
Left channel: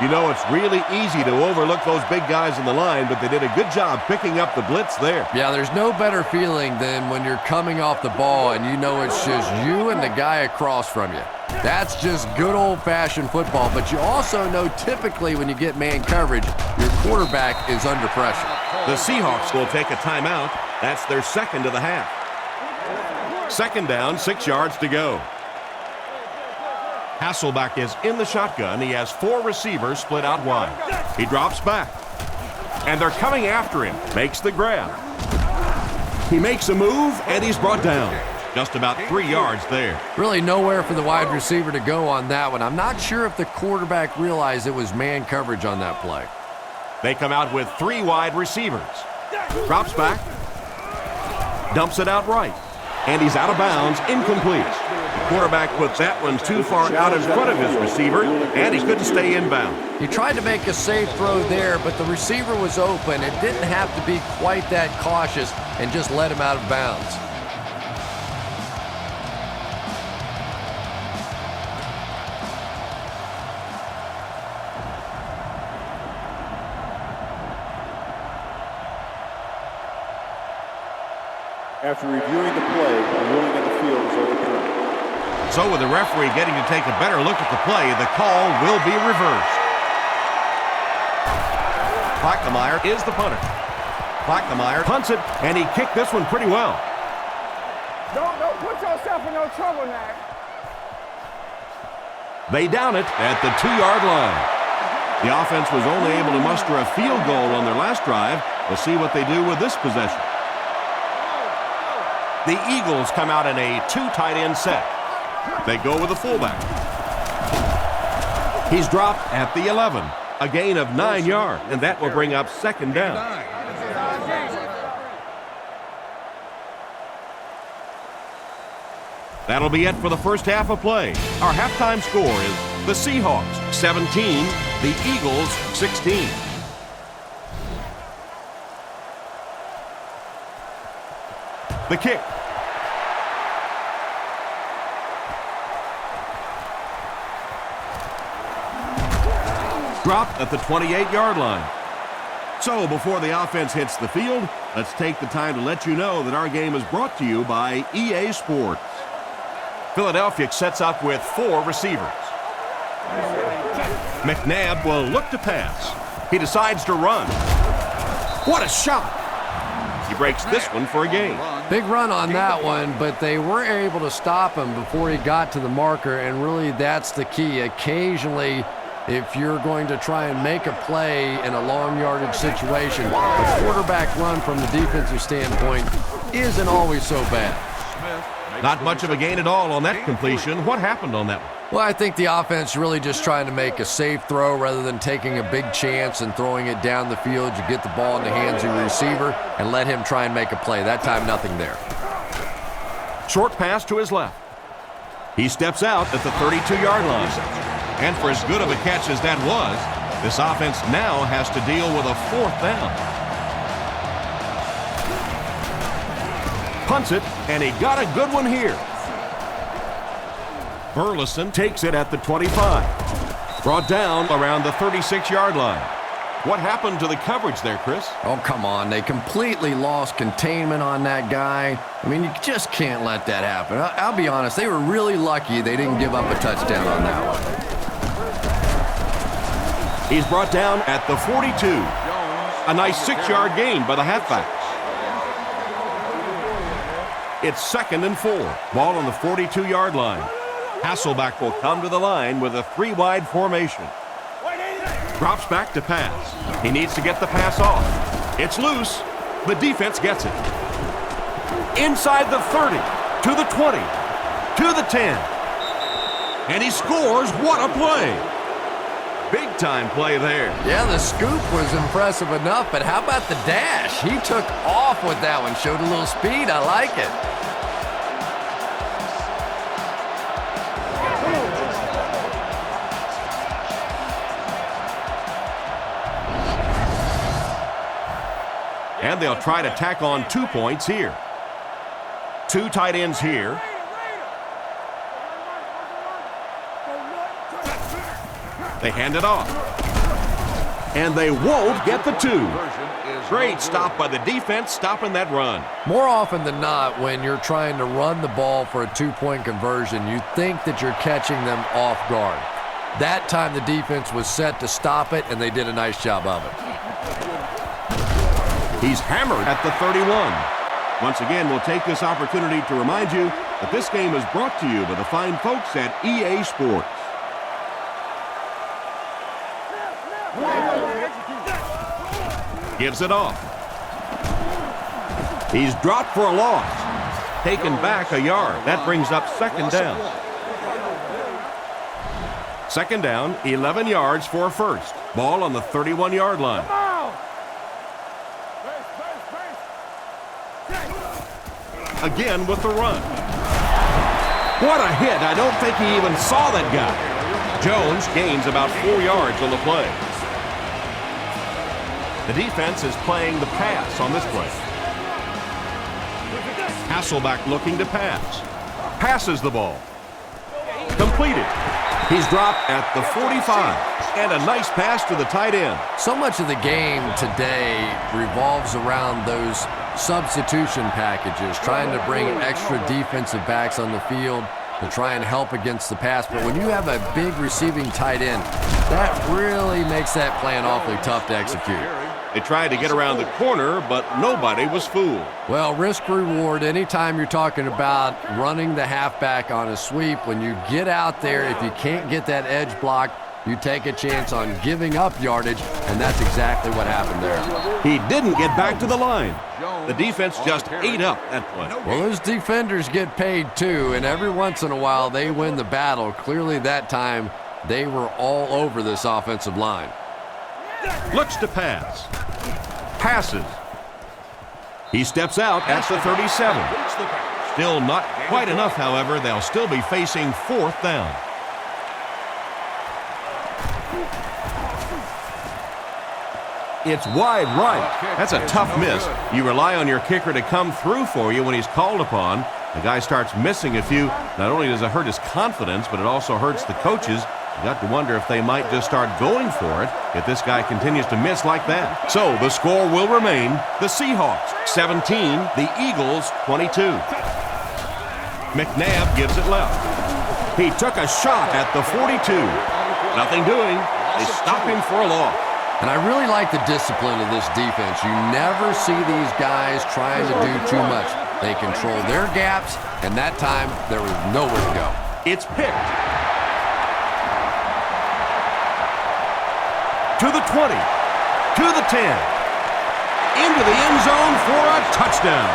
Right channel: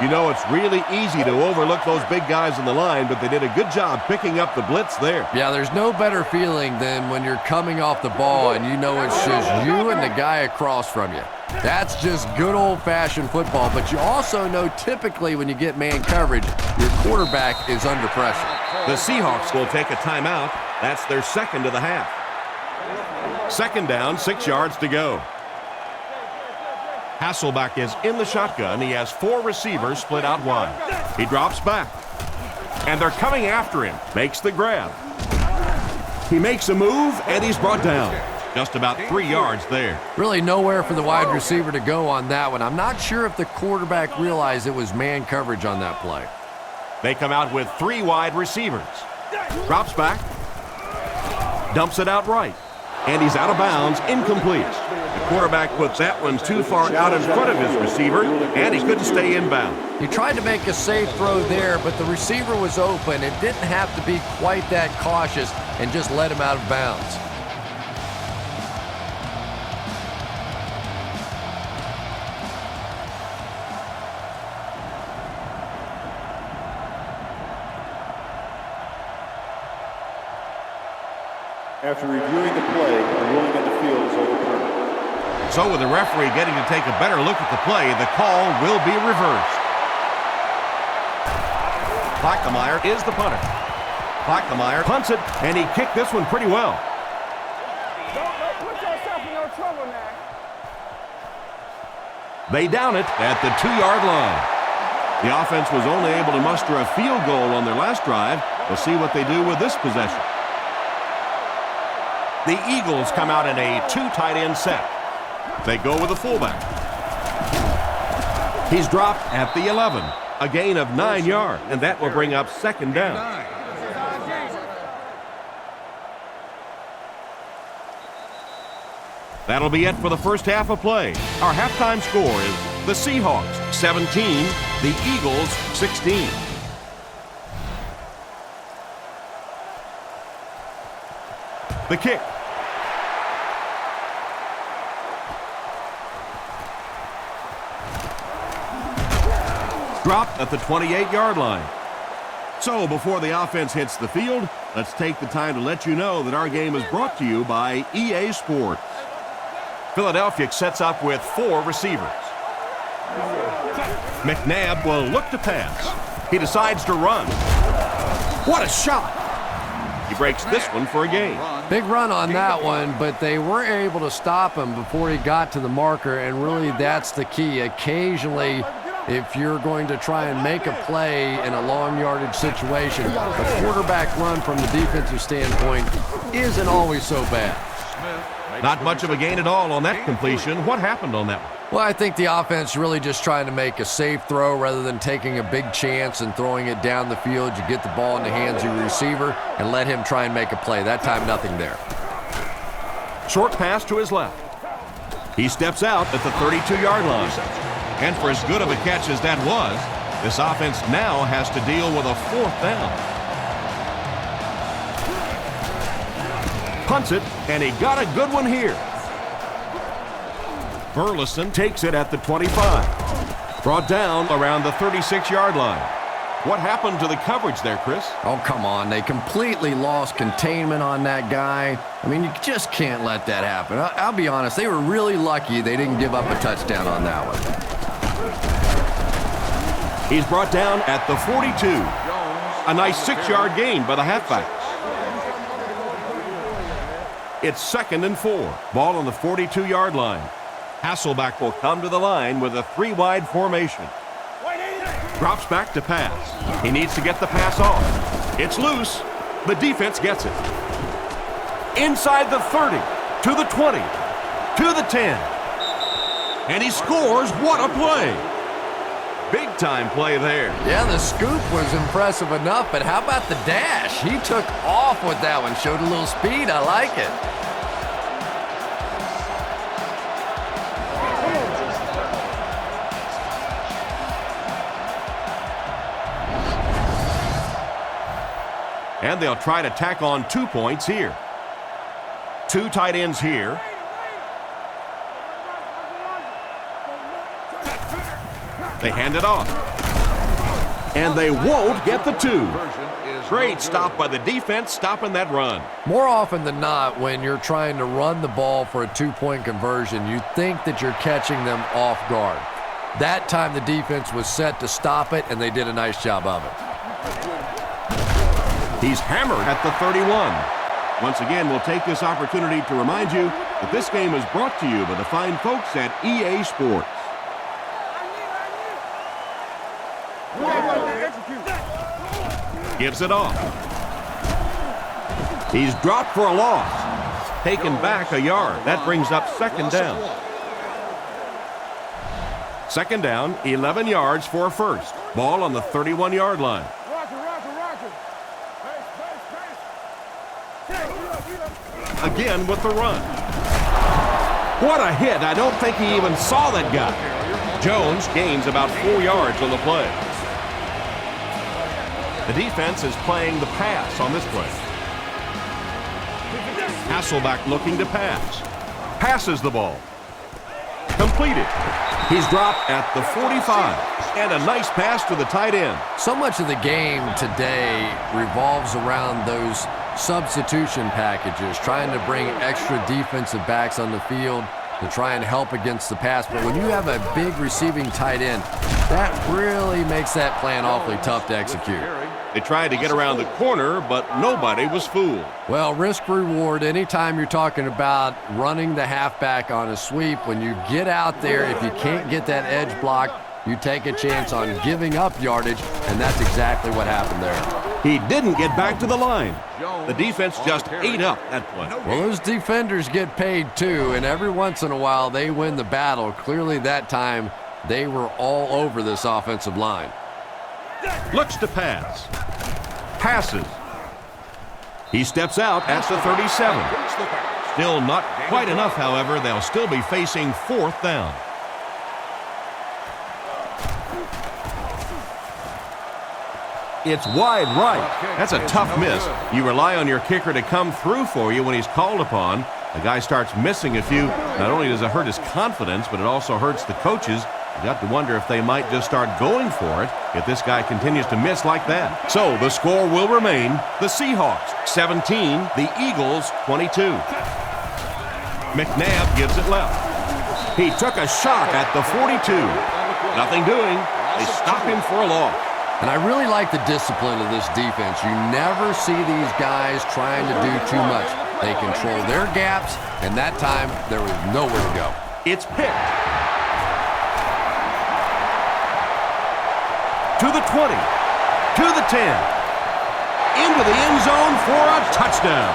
You know, it's really easy to overlook those big guys in the line, but they did a good job picking up the blitz there. Yeah, there's no better feeling than when you're coming off the ball and you know it's just you and the guy across from you. That's just good old-fashioned football, but you also know typically when you get man coverage, your quarterback is under pressure. The Seahawks will take a timeout. That's their second of the half. Second down, 6 yards to go. Hasselbeck is in the shotgun. He has 4 receivers split out wide. He drops back. And they're coming after him. Makes the grab. He makes a move, and he's brought down. Just about 3 yards there. Really nowhere for the wide receiver to go on that one. I'm not sure if the quarterback realized it was man coverage on that play. They come out with 3 wide receivers. Drops back. Dumps it out right. And he's out of bounds, incomplete. The quarterback puts that one too far out in front of his receiver, and he couldn't stay inbound. He tried to make a safe throw there, but the receiver was open. It didn't have to be quite that cautious and just let him out of bounds. After reviewing the play, the ruling on the field is overturned. So with the referee getting to take a better look at the play, the call will be reversed. Plackmeyer is the punter. Plackmeyer punts it, and he kicked this one pretty well. Don't put yourself in no trouble now. They down it at the 2-yard line. The offense was only able to muster a field goal on their last drive. We'll see what they do with this possession. The Eagles come out in a 2 tight end set. They go with the fullback. He's dropped at the 11. A gain of 9 yards, and that will bring up 2nd down. That'll be it for the first half of play. Our halftime score is the Seahawks 17, the Eagles 16. The kick. Dropped at the 28-yard line. So before the offense hits the field, let's take the time to let you know that our game is brought to you by EA Sports. Philadelphia sets up with 4 receivers. McNabb will look to pass. He decides to run. What a shot! He breaks this one for a gain. Big run on that one, but they were able to stop him before he got to the marker, and really that's the key. Occasionally, if you're going to try and make a play in a long yardage situation, the quarterback run from the defensive standpoint isn't always so bad. Not much of a gain at all on that completion. What happened on that one? Well, I think the offense really just trying to make a safe throw rather than taking a big chance and throwing it down the field. You get the ball in the hands of your receiver and let him try and make a play. That time, nothing there. Short pass to his left. He steps out at the 32-yard line. And for as good of a catch as that was, this offense now has to deal with a 4th down. Punts it, and he got a good one here. Burleson takes it at the 25. Brought down around the 36-yard line. What happened to the coverage there, Chris? Oh, come on. They completely lost containment on that guy. I mean, you just can't let that happen. I'll be honest. They were really lucky they didn't give up a touchdown on that one. He's brought down at the 42. A nice 6-yard gain by the halfback. It's 2nd and 4. Ball on the 42-yard line. Hasselback will come to the line with a 3-wide formation. Drops back to pass. He needs to get the pass off. It's loose. The defense gets it. Inside the 30, to the 20, to the 10. And he scores. What a play. Big time play there. Yeah, the scoop was impressive enough, but how about the dash? He took off with that one, showed a little speed. I like it. And they'll try to tack on 2 points here. 2 tight ends here. They hand it off. And they won't get the 2. Great stop by the defense, stopping that run. More often than not, when you're trying to run the ball for a 2-point conversion, you think that you're catching them off guard. That time the defense was set to stop it, and they did a nice job of it. He's hammered at the 31. Once again, we'll take this opportunity to remind you that this game is brought to you by the fine folks at EA Sports. Gives it off. He's dropped for a loss. Taken back a yard. That brings up 2nd down. 2nd down, 11 yards for a first. Ball on the 31-yard line. Again with the run. What a hit. I don't think he even saw that guy. Jones gains about 4 yards on the play. The defense is playing the pass on this play. Hasselback looking to pass. Passes the ball. Completed. He's dropped at the 45. And a nice pass to the tight end. So much of the game today revolves around those substitution packages, trying to bring extra defensive backs on the field to try and help against the pass. But when you have a big receiving tight end, that really makes that plan awfully tough to execute. They tried to get around the corner, but nobody was fooled. Well, risk reward, anytime you're talking about running the halfback on a sweep, when you get out there, if you can't get that edge block, you take a chance on giving up yardage, and that's exactly what happened there. He didn't get back to the line. The defense just ate up that play. Well, those defenders get paid too, and every once in a while they win the battle. Clearly that time they were all over this offensive line. Looks to pass. Passes. He steps out at the 37. Still not quite enough, however. They'll still be facing 4th down. It's wide right. That's a tough miss. You rely on your kicker to come through for you when he's called upon. The guy starts missing a few. Not only does it hurt his confidence, but it also hurts the coaches. You got to wonder if they might just start going for it if this guy continues to miss like that. So the score will remain the Seahawks 17, the Eagles 22. McNabb gives it left. He took a shot at the 42. Nothing doing. They stop him for a loss. And I really like the discipline of this defense. You never see these guys trying to do too much. They control their gaps, and that time there was nowhere to go. It's picked. To the 20, to the 10, into the end zone for a touchdown.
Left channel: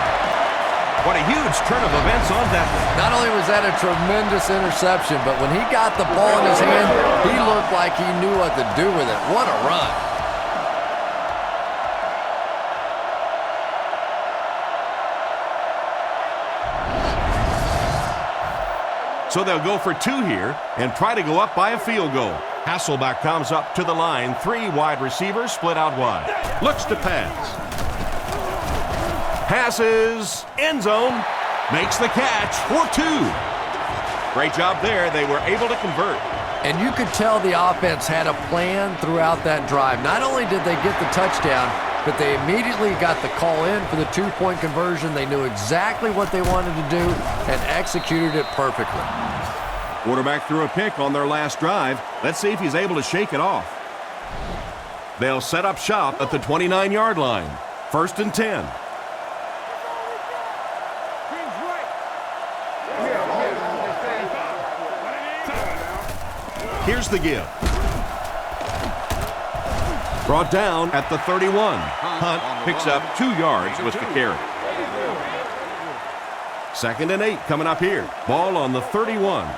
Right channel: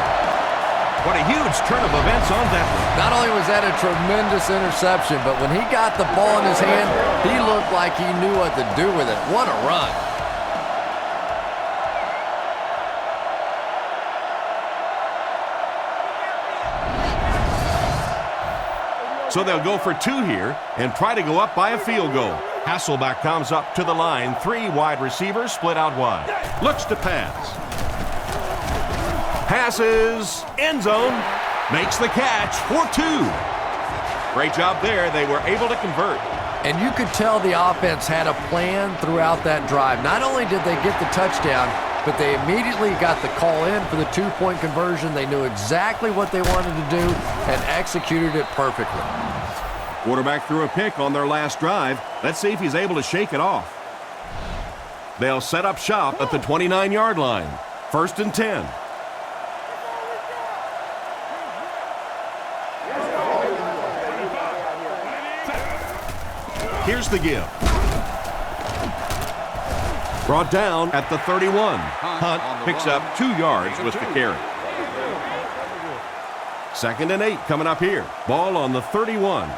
What a huge turn of events on that one. Not only was that a tremendous interception, but when he got the ball in his hand, he looked like he knew what to do with it. What a run. So they'll go for 2 here and try to go up by a field goal. Hasselbeck comes up to the line. 3 wide receivers split out wide. Looks to pass. Passes. End zone. Makes the catch for 2. Great job there. They were able to convert. And you could tell the offense had a plan throughout that drive. Not only did they get the touchdown, but they immediately got the call in for the 2-point conversion. They knew exactly what they wanted to do and executed it perfectly. Quarterback threw a pick on their last drive. Let's see if he's able to shake it off. They'll set up shop at the 29-yard line. 1st and 10. Here's the give. Brought down at the 31. Hunt picks up 2 yards with the carry. 2nd and 8 coming up here. Ball on the 31.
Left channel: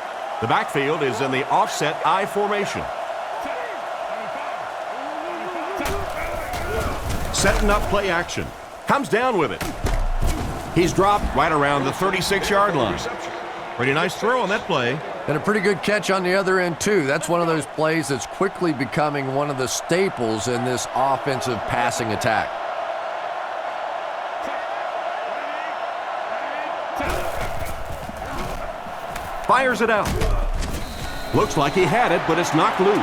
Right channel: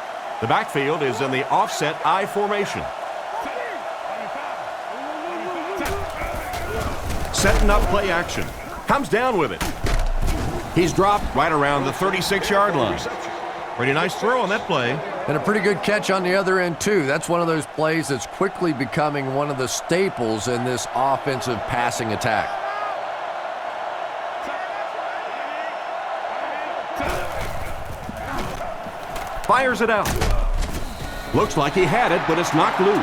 The backfield is in the offset I formation. Setting up play action. Comes down with it. He's dropped right around the 36-yard line. Pretty nice throw on that play. And a pretty good catch on the other end, too. That's one of those plays that's quickly becoming one of the staples in this offensive passing attack. Fires it out. Looks like he had it, but it's knocked loose.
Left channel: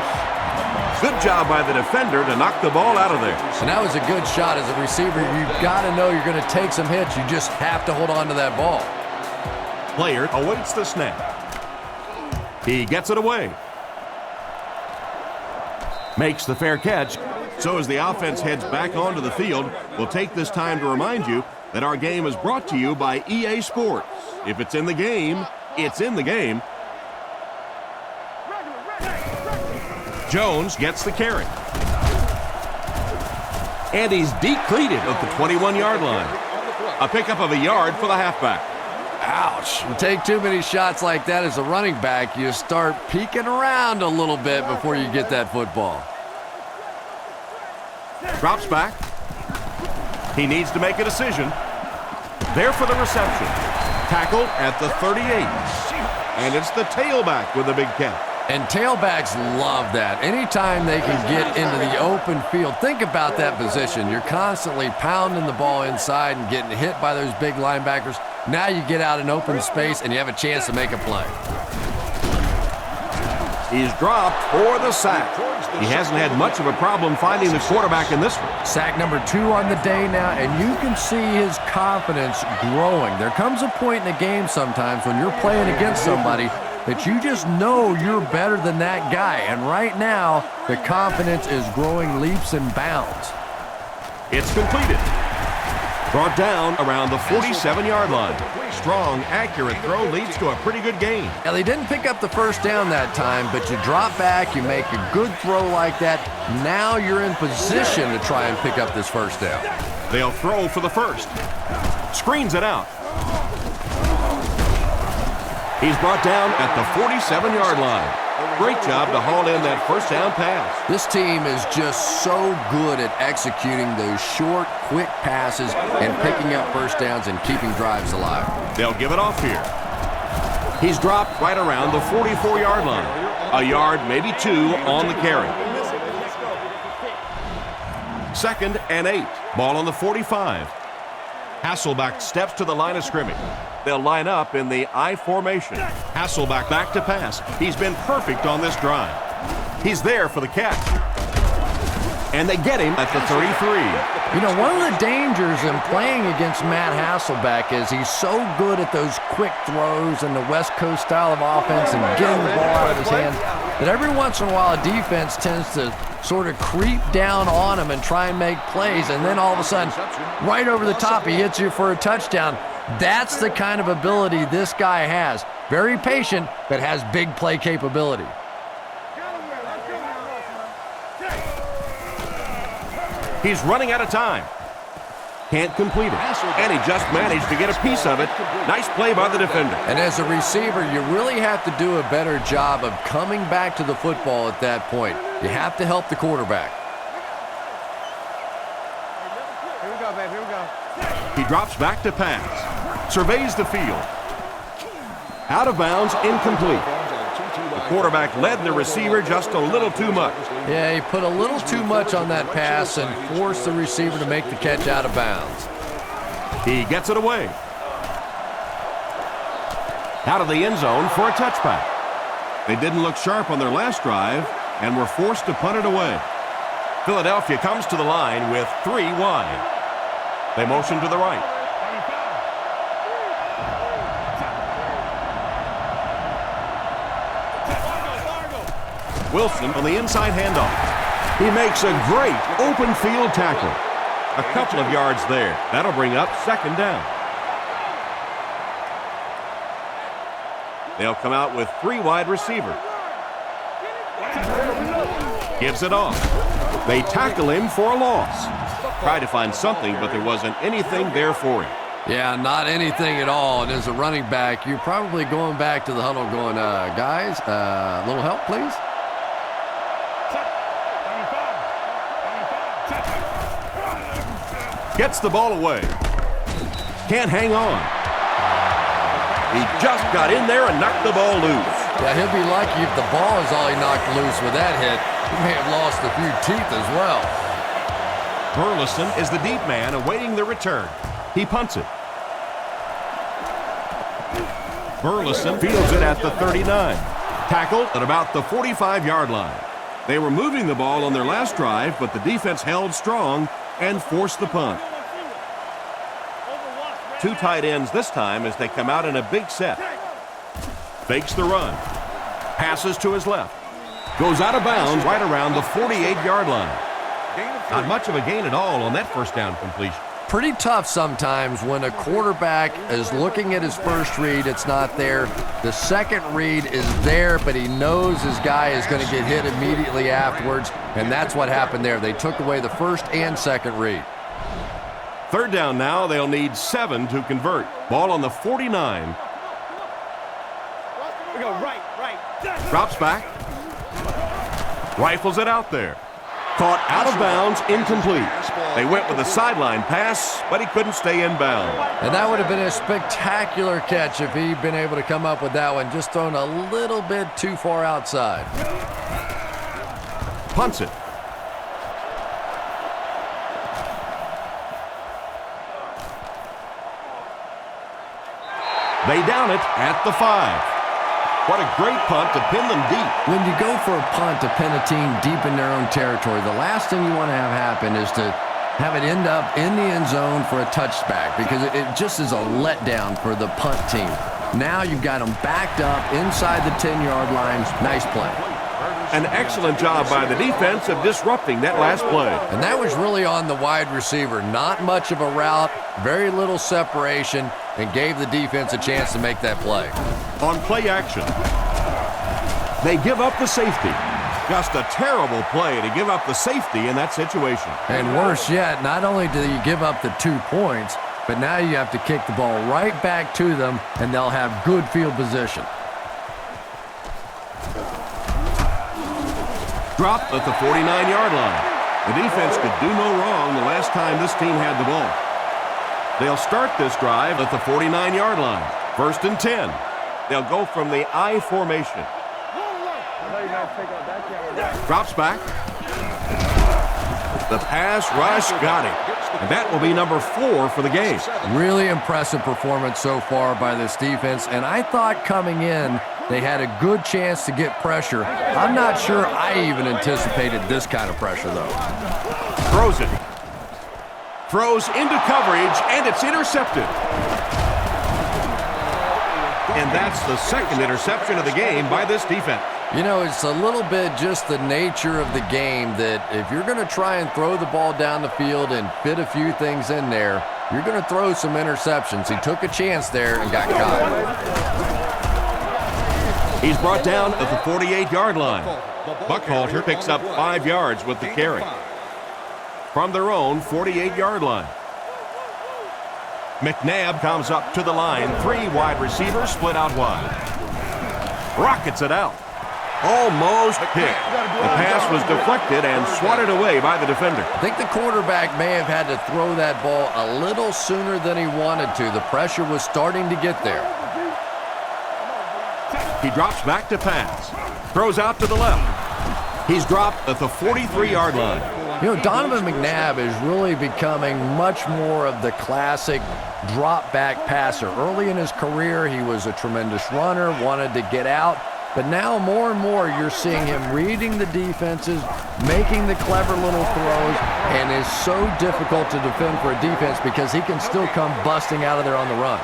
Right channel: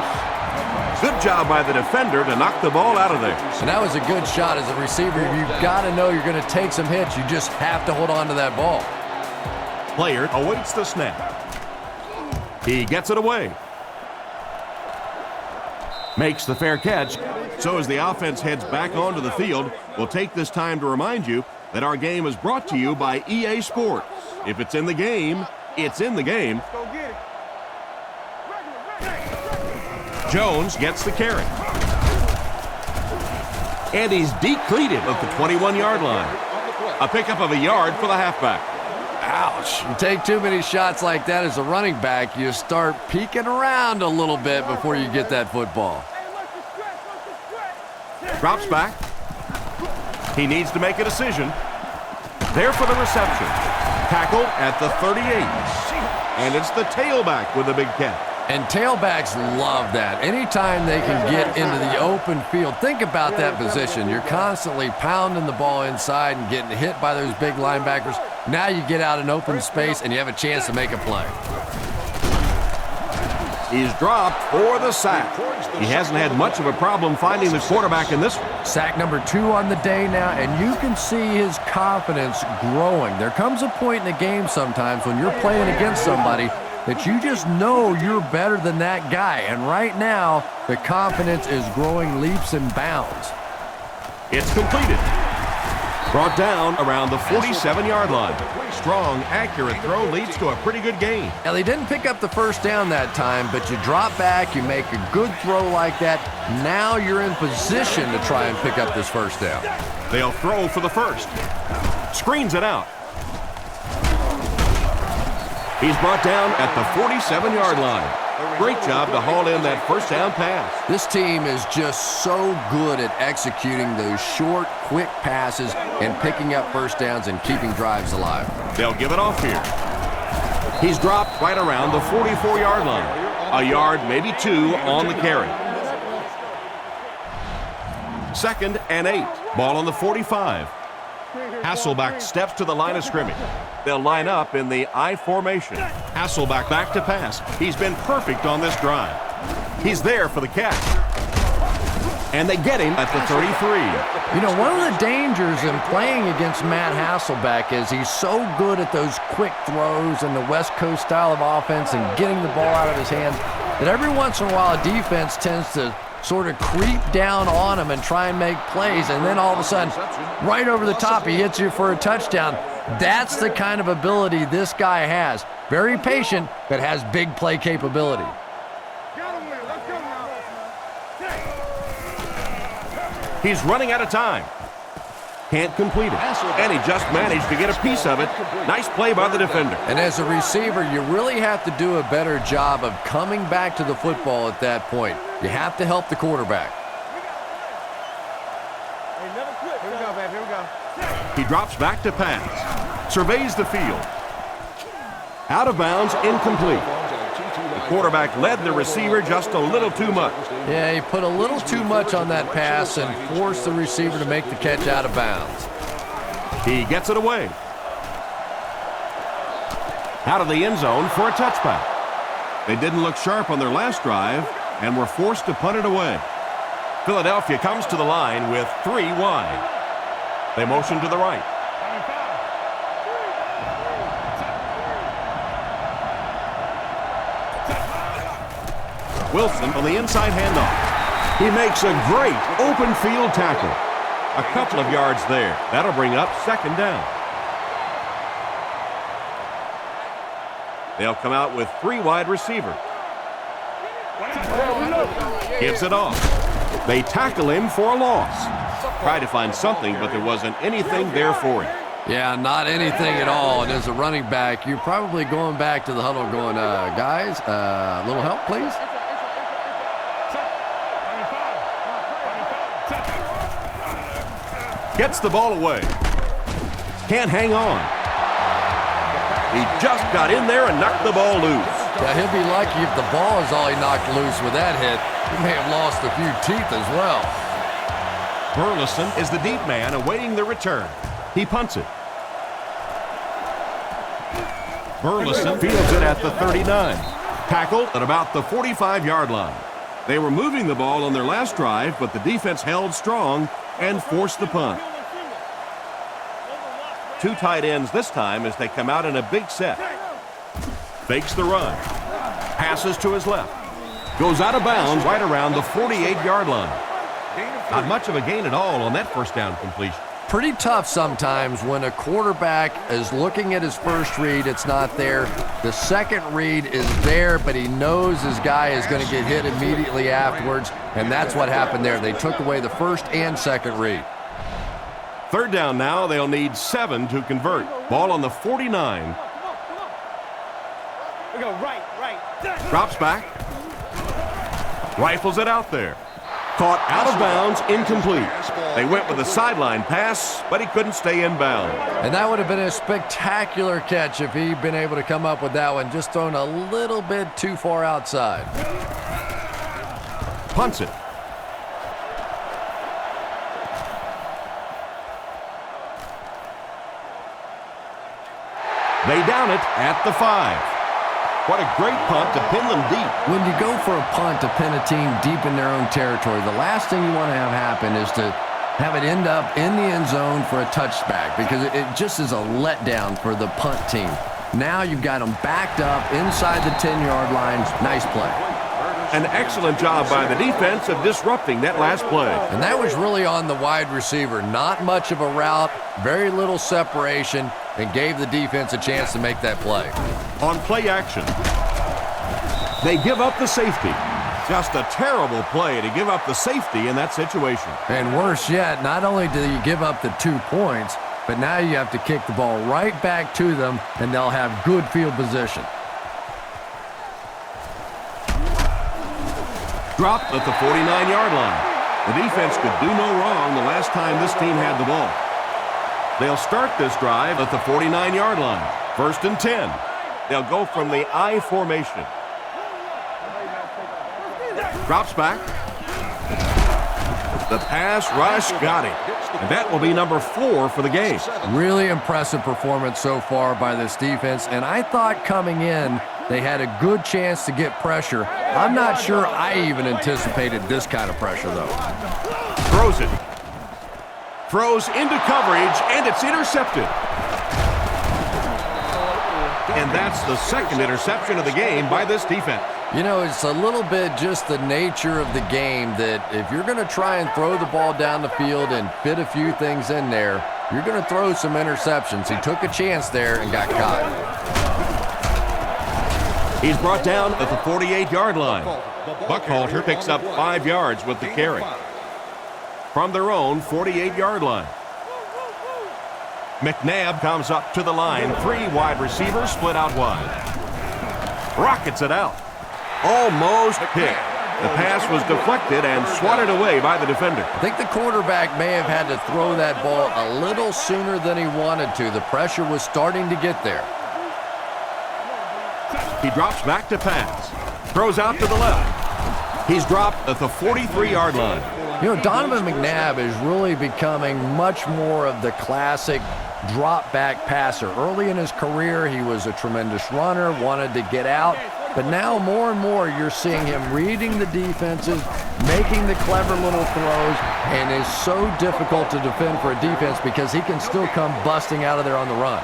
Good job by the defender to knock the ball out of there. And that was a good shot as a receiver. You've got to know you're going to take some hits. You just have to hold on to that ball. Player awaits the snap. He gets it away. Makes the fair catch. So as the offense heads back onto the field, we'll take this time to remind you that our game is brought to you by EA Sports. If it's in the game, it's in the game. Jones gets the carry. And he's decleated at the 21-yard line. A pickup of a yard for the halfback. Ouch. You take too many shots like that as a running back, you start peeking around a little bit before you get that football. Drops back. He needs to make a decision. There for the reception. Tackled at the 38. And it's the tailback with a big catch. And tailbacks love that. Anytime they can get into the open field, think about that position. You're constantly pounding the ball inside and getting hit by those big linebackers. Now you get out in open space and you have a chance to make a play. He's dropped for the sack. He hasn't had much of a problem finding the quarterback in this one. Sack number 2 on the day now, and you can see his confidence growing. There comes a point in a game sometimes when you're playing against somebody that you just know you're better than that guy. And right now, the confidence is growing leaps and bounds. It's completed. Brought down around the 47-yard line. Strong, accurate throw leads to a pretty good gain. Now, they didn't pick up the first down that time, but you drop back, you make a good throw like that. Now you're in position to try and pick up this first down. They'll throw for the first. Screens it out. He's brought down at the 47-yard line. Great job to haul in that first down pass. This team is just so good at executing those short, quick passes and picking up first downs and keeping drives alive. They'll give it off here. He's dropped right around the 44-yard line. A yard, maybe 2 on the carry. 2nd and 8. Ball on the 45. Hasselbeck steps to the line of scrimmage. They'll line up in the I formation. Hasselbeck back to pass. He's been perfect on this drive. He's there for the catch. And they get him at the 33. You know, one of the dangers in playing against Matt Hasselbeck is he's so good at those quick throws and the West Coast style of offense and getting the ball out of his hands that every once in a while a defense tends to sort of creep down on him and try and make plays, and then all of a sudden, right over the top, he hits you for a touchdown. That's the kind of ability this guy has. Very patient, but has big play capability. He's running out of time. Can't complete it. And he just managed to get a piece of it. Nice play by the defender. And as a receiver, you really have to do a better job of coming back to the football at that point. You have to help the quarterback. Here we go, baby. Here we go. He drops back to pass. Surveys the field. Out of bounds, incomplete. The quarterback led the receiver just a little too much. Yeah, he put a little too much on that pass and forced the receiver to make the catch out of bounds. He gets it away. Out of the end zone for a touchback. They didn't look sharp on their last drive and were forced to punt it away. Philadelphia comes to the line with 3 wide. They motion to the right. Wilson on the inside handoff. He makes a great open field tackle. A couple of yards there. That'll bring up 2nd down. They'll come out with 3 wide receivers. Gives it off. They tackle him for a loss. Tried to find something, but there wasn't anything there for him. Yeah, not anything at all. And as a running back, you're probably going back to the huddle going, guys, a little help, please? Gets the ball away. Can't hang on. He just got in there and knocked the ball loose. Yeah, he'll be lucky if the ball is all he knocked loose with that hit. He may have lost a few teeth as well. Burleson is the deep man awaiting the return. He punts it. Burleson fields it at the 39. Tackled at about the 45-yard line. They were moving the ball on their last drive, but the defense held strong and forced the punt. 2 tight ends this time as they come out in a big set. Fakes the run. Passes to his left. Goes out of bounds right around the 48-yard line. Not much of a gain at all on that first down completion. Pretty tough sometimes when a quarterback is looking at his first read, it's not there. The second read is there, but he knows his guy is going to get hit immediately afterwards, and that's what happened there. They took away the first and second read. 3rd down now. They'll need 7 to convert. Ball on the 49. We go right. Drops back. Rifles it out there. Caught out of bounds, incomplete. They went with a sideline pass, but he couldn't stay in bounds. And that would have been a spectacular catch if he'd been able to come up with that one, just thrown a little bit too far outside. Punts it. They down it at the 5. What a great punt to pin them deep. When you go for a punt to pin a team deep in their own territory, the last thing you want to have happen is to have it end up in the end zone for a touchback, because it just is a letdown for the punt team. Now you've got them backed up inside the 10-yard line. Nice play. An excellent job by the defense of disrupting that last play. And that was really on the wide receiver. Not much of a route, very little separation, and gave the defense a chance to make that play. On play action, they give up the safety. Just a terrible play to give up the safety in that situation. And worse yet, not only do you give up the 2 points, but now you have to kick the ball right back to them, and they'll have good field position. Dropped at the 49-yard line. The defense could do no wrong the last time this team had the ball. They'll start this drive at the 49-yard line. 1st and 10. They'll go from the I formation. Drops back. The pass rush got him. And that will be number 4 for the game. Really impressive performance so far by this defense, and I thought coming in they had a good chance to get pressure. I'm not sure I even anticipated this kind of pressure, though. Throws it. Throws into coverage, and it's intercepted. And that's the 2nd interception of the game by this defense. You know, it's a little bit just the nature of the game that if you're going to try and throw the ball down the field and fit a few things in there, you're going to throw some interceptions. He took a chance there and got caught. He's brought down at the 48-yard line. Buckhalter picks up 5 yards with the carry. From their own 48-yard line. McNabb comes up to the line. 3 wide receivers split out wide. Rockets it out. Almost hit. The pass was deflected and swatted away by the defender. I think the quarterback may have had to throw that ball a little sooner than he wanted to. The pressure was starting to get there. He drops back to pass. Throws out to the left. He's dropped at the 43-yard line. You know, Donovan McNabb is really becoming much more of the classic drop-back passer. Early in his career, he was a tremendous runner, wanted to get out. But now more and more you're seeing him reading the defenses, making the clever little throws, and is so difficult to defend for a defense because he can still come busting out of there on the run.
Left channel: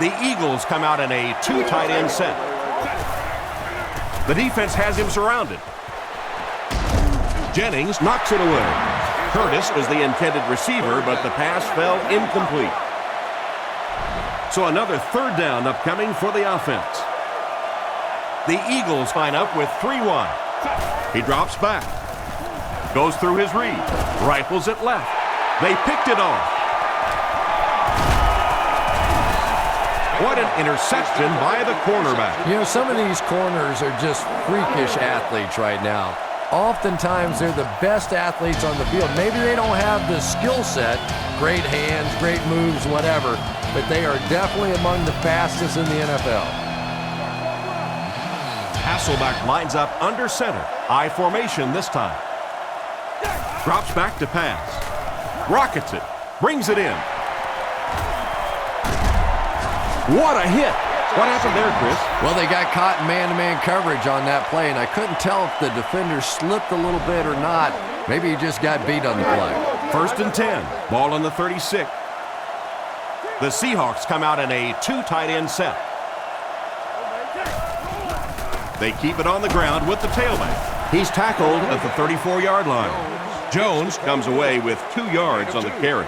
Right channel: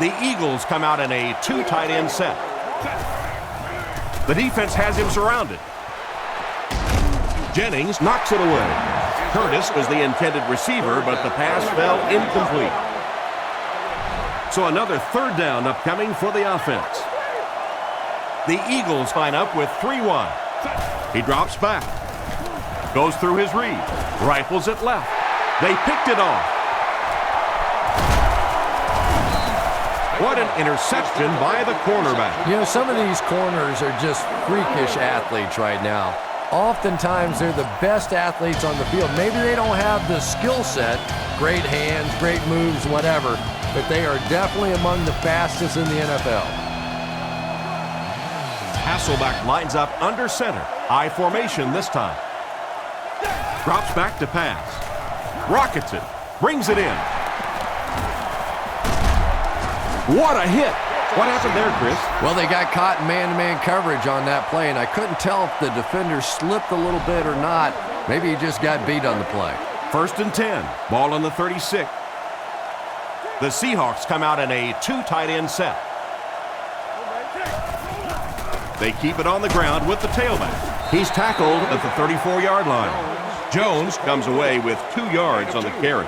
The Eagles come out in a 2 tight end set. The defense has him surrounded. Jennings knocks it away. Curtis was the intended receiver, but the pass fell incomplete. So another 3rd down upcoming for the offense. The Eagles line up with 3 wide. He drops back. Goes through his read. Rifles it left. They picked it off. What an interception by the cornerback. You know, some of these corners are just freakish athletes right now. Oftentimes, they're the best athletes on the field. Maybe they don't have the skill set, great hands, great moves, whatever, but they are definitely among the fastest in the NFL. Hasselback lines up under center. I formation this time. Drops back to pass. Rockets it. Brings it in. What a hit. What happened there, Chris? Well, they got caught in man-to-man coverage on that play, and I couldn't tell if the defender slipped a little bit or not. Maybe he just got beat on the play. 1st and 10. Ball on the 36. The Seahawks come out in a 2 tight end set. They keep it on the ground with the tailback. He's tackled at the 34-yard line. Jones comes away with 2 yards on the carry.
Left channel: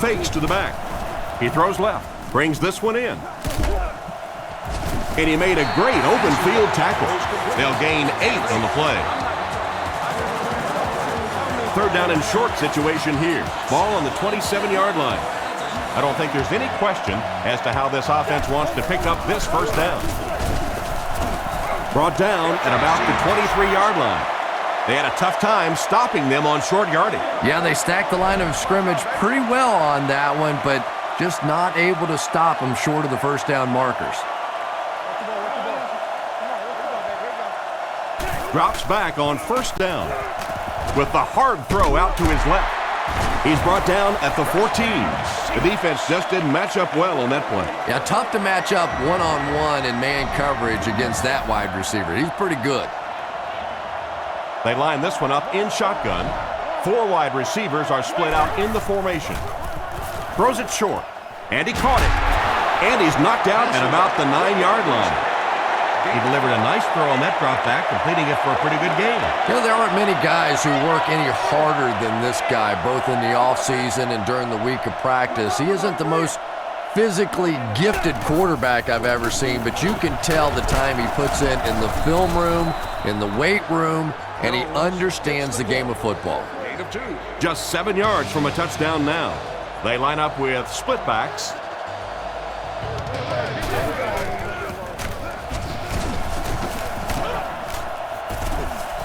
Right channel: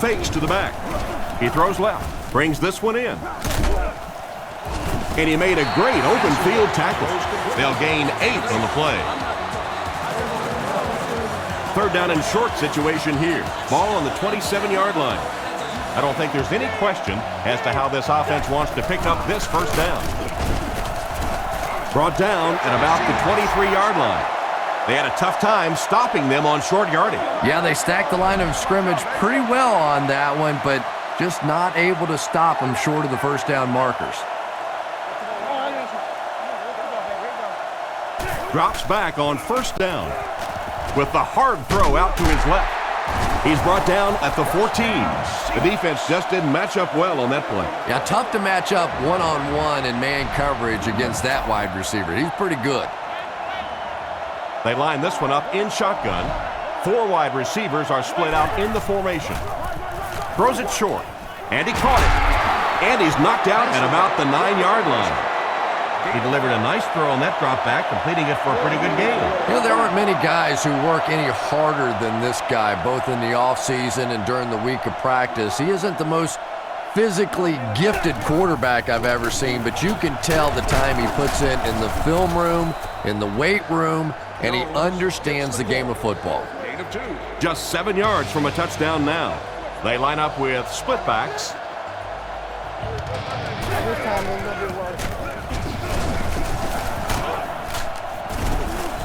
Fakes to the back. He throws left. Brings this one in. And he made a great open field tackle. They'll gain 8 on the play. 3rd down and short situation here. Ball on the 27-yard line. I don't think there's any question as to how this offense wants to pick up this 1st down. Brought down at about the 23-yard line. They had a tough time stopping them on short yardage. Yeah, they stacked the line of scrimmage pretty well on that one, but just not able to stop them short of the 1st down markers. Drops back on 1st down. with the hard throw out to his left. He's brought down at the 14. The defense just didn't match up well on that play. Yeah, tough to match up one-on-one in man coverage against that wide receiver. He's pretty good. They line this one up in shotgun. 4 wide receivers are split out in the formation. Throws it short, and he caught it. And he's knocked out at about the 9-yard line. He delivered a nice throw on that drop back, completing it for a pretty good game. You know, there aren't many guys who work any harder than this guy, both in the offseason and during the week of practice. He isn't the most physically gifted quarterback I've ever seen, but you can tell the time he puts in the film room, in the weight room, and he understands the game of football. Just 7 yards from a touchdown now. They line up with split backs.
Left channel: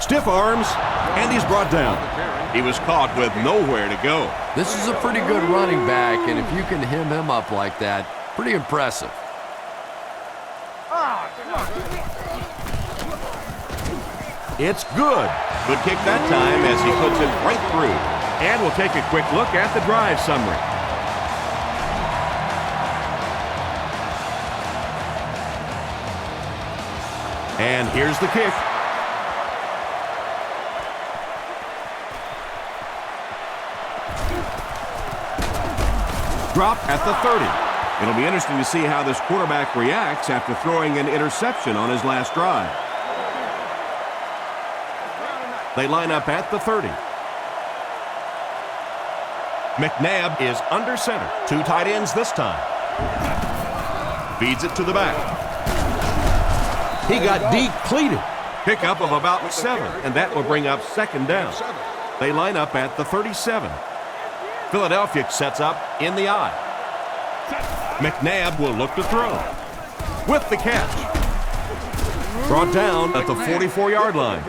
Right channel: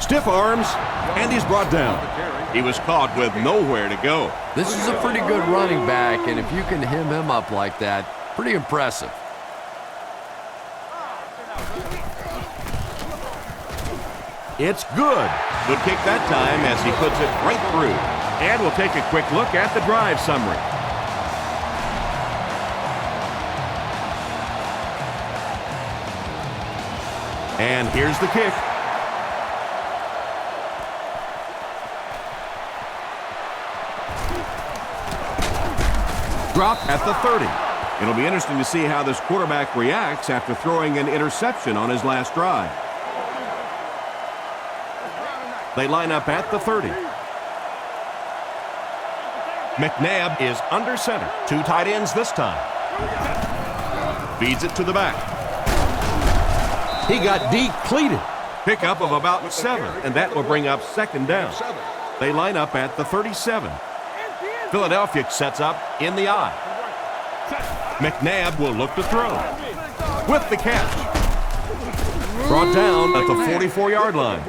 Stiff arms, and he's brought down. He was caught with nowhere to go. This is a pretty good running back, and if you can hem him up like that, pretty impressive. It's good. Good kick that time as he puts it right through. And we'll take a quick look at the drive summary. And here's the kick. Dropped at the 30. It'll be interesting to see how this quarterback reacts after throwing an interception on his last drive. They line up at the 30. McNabb is under center. 2 tight ends this time. Feeds it to the back. He got decleated. Pickup of about 7, and that will bring up 2nd down. They line up at the 37. Philadelphia sets up in the I. McNabb will look to throw. With the catch. Brought down at the 44-yard line.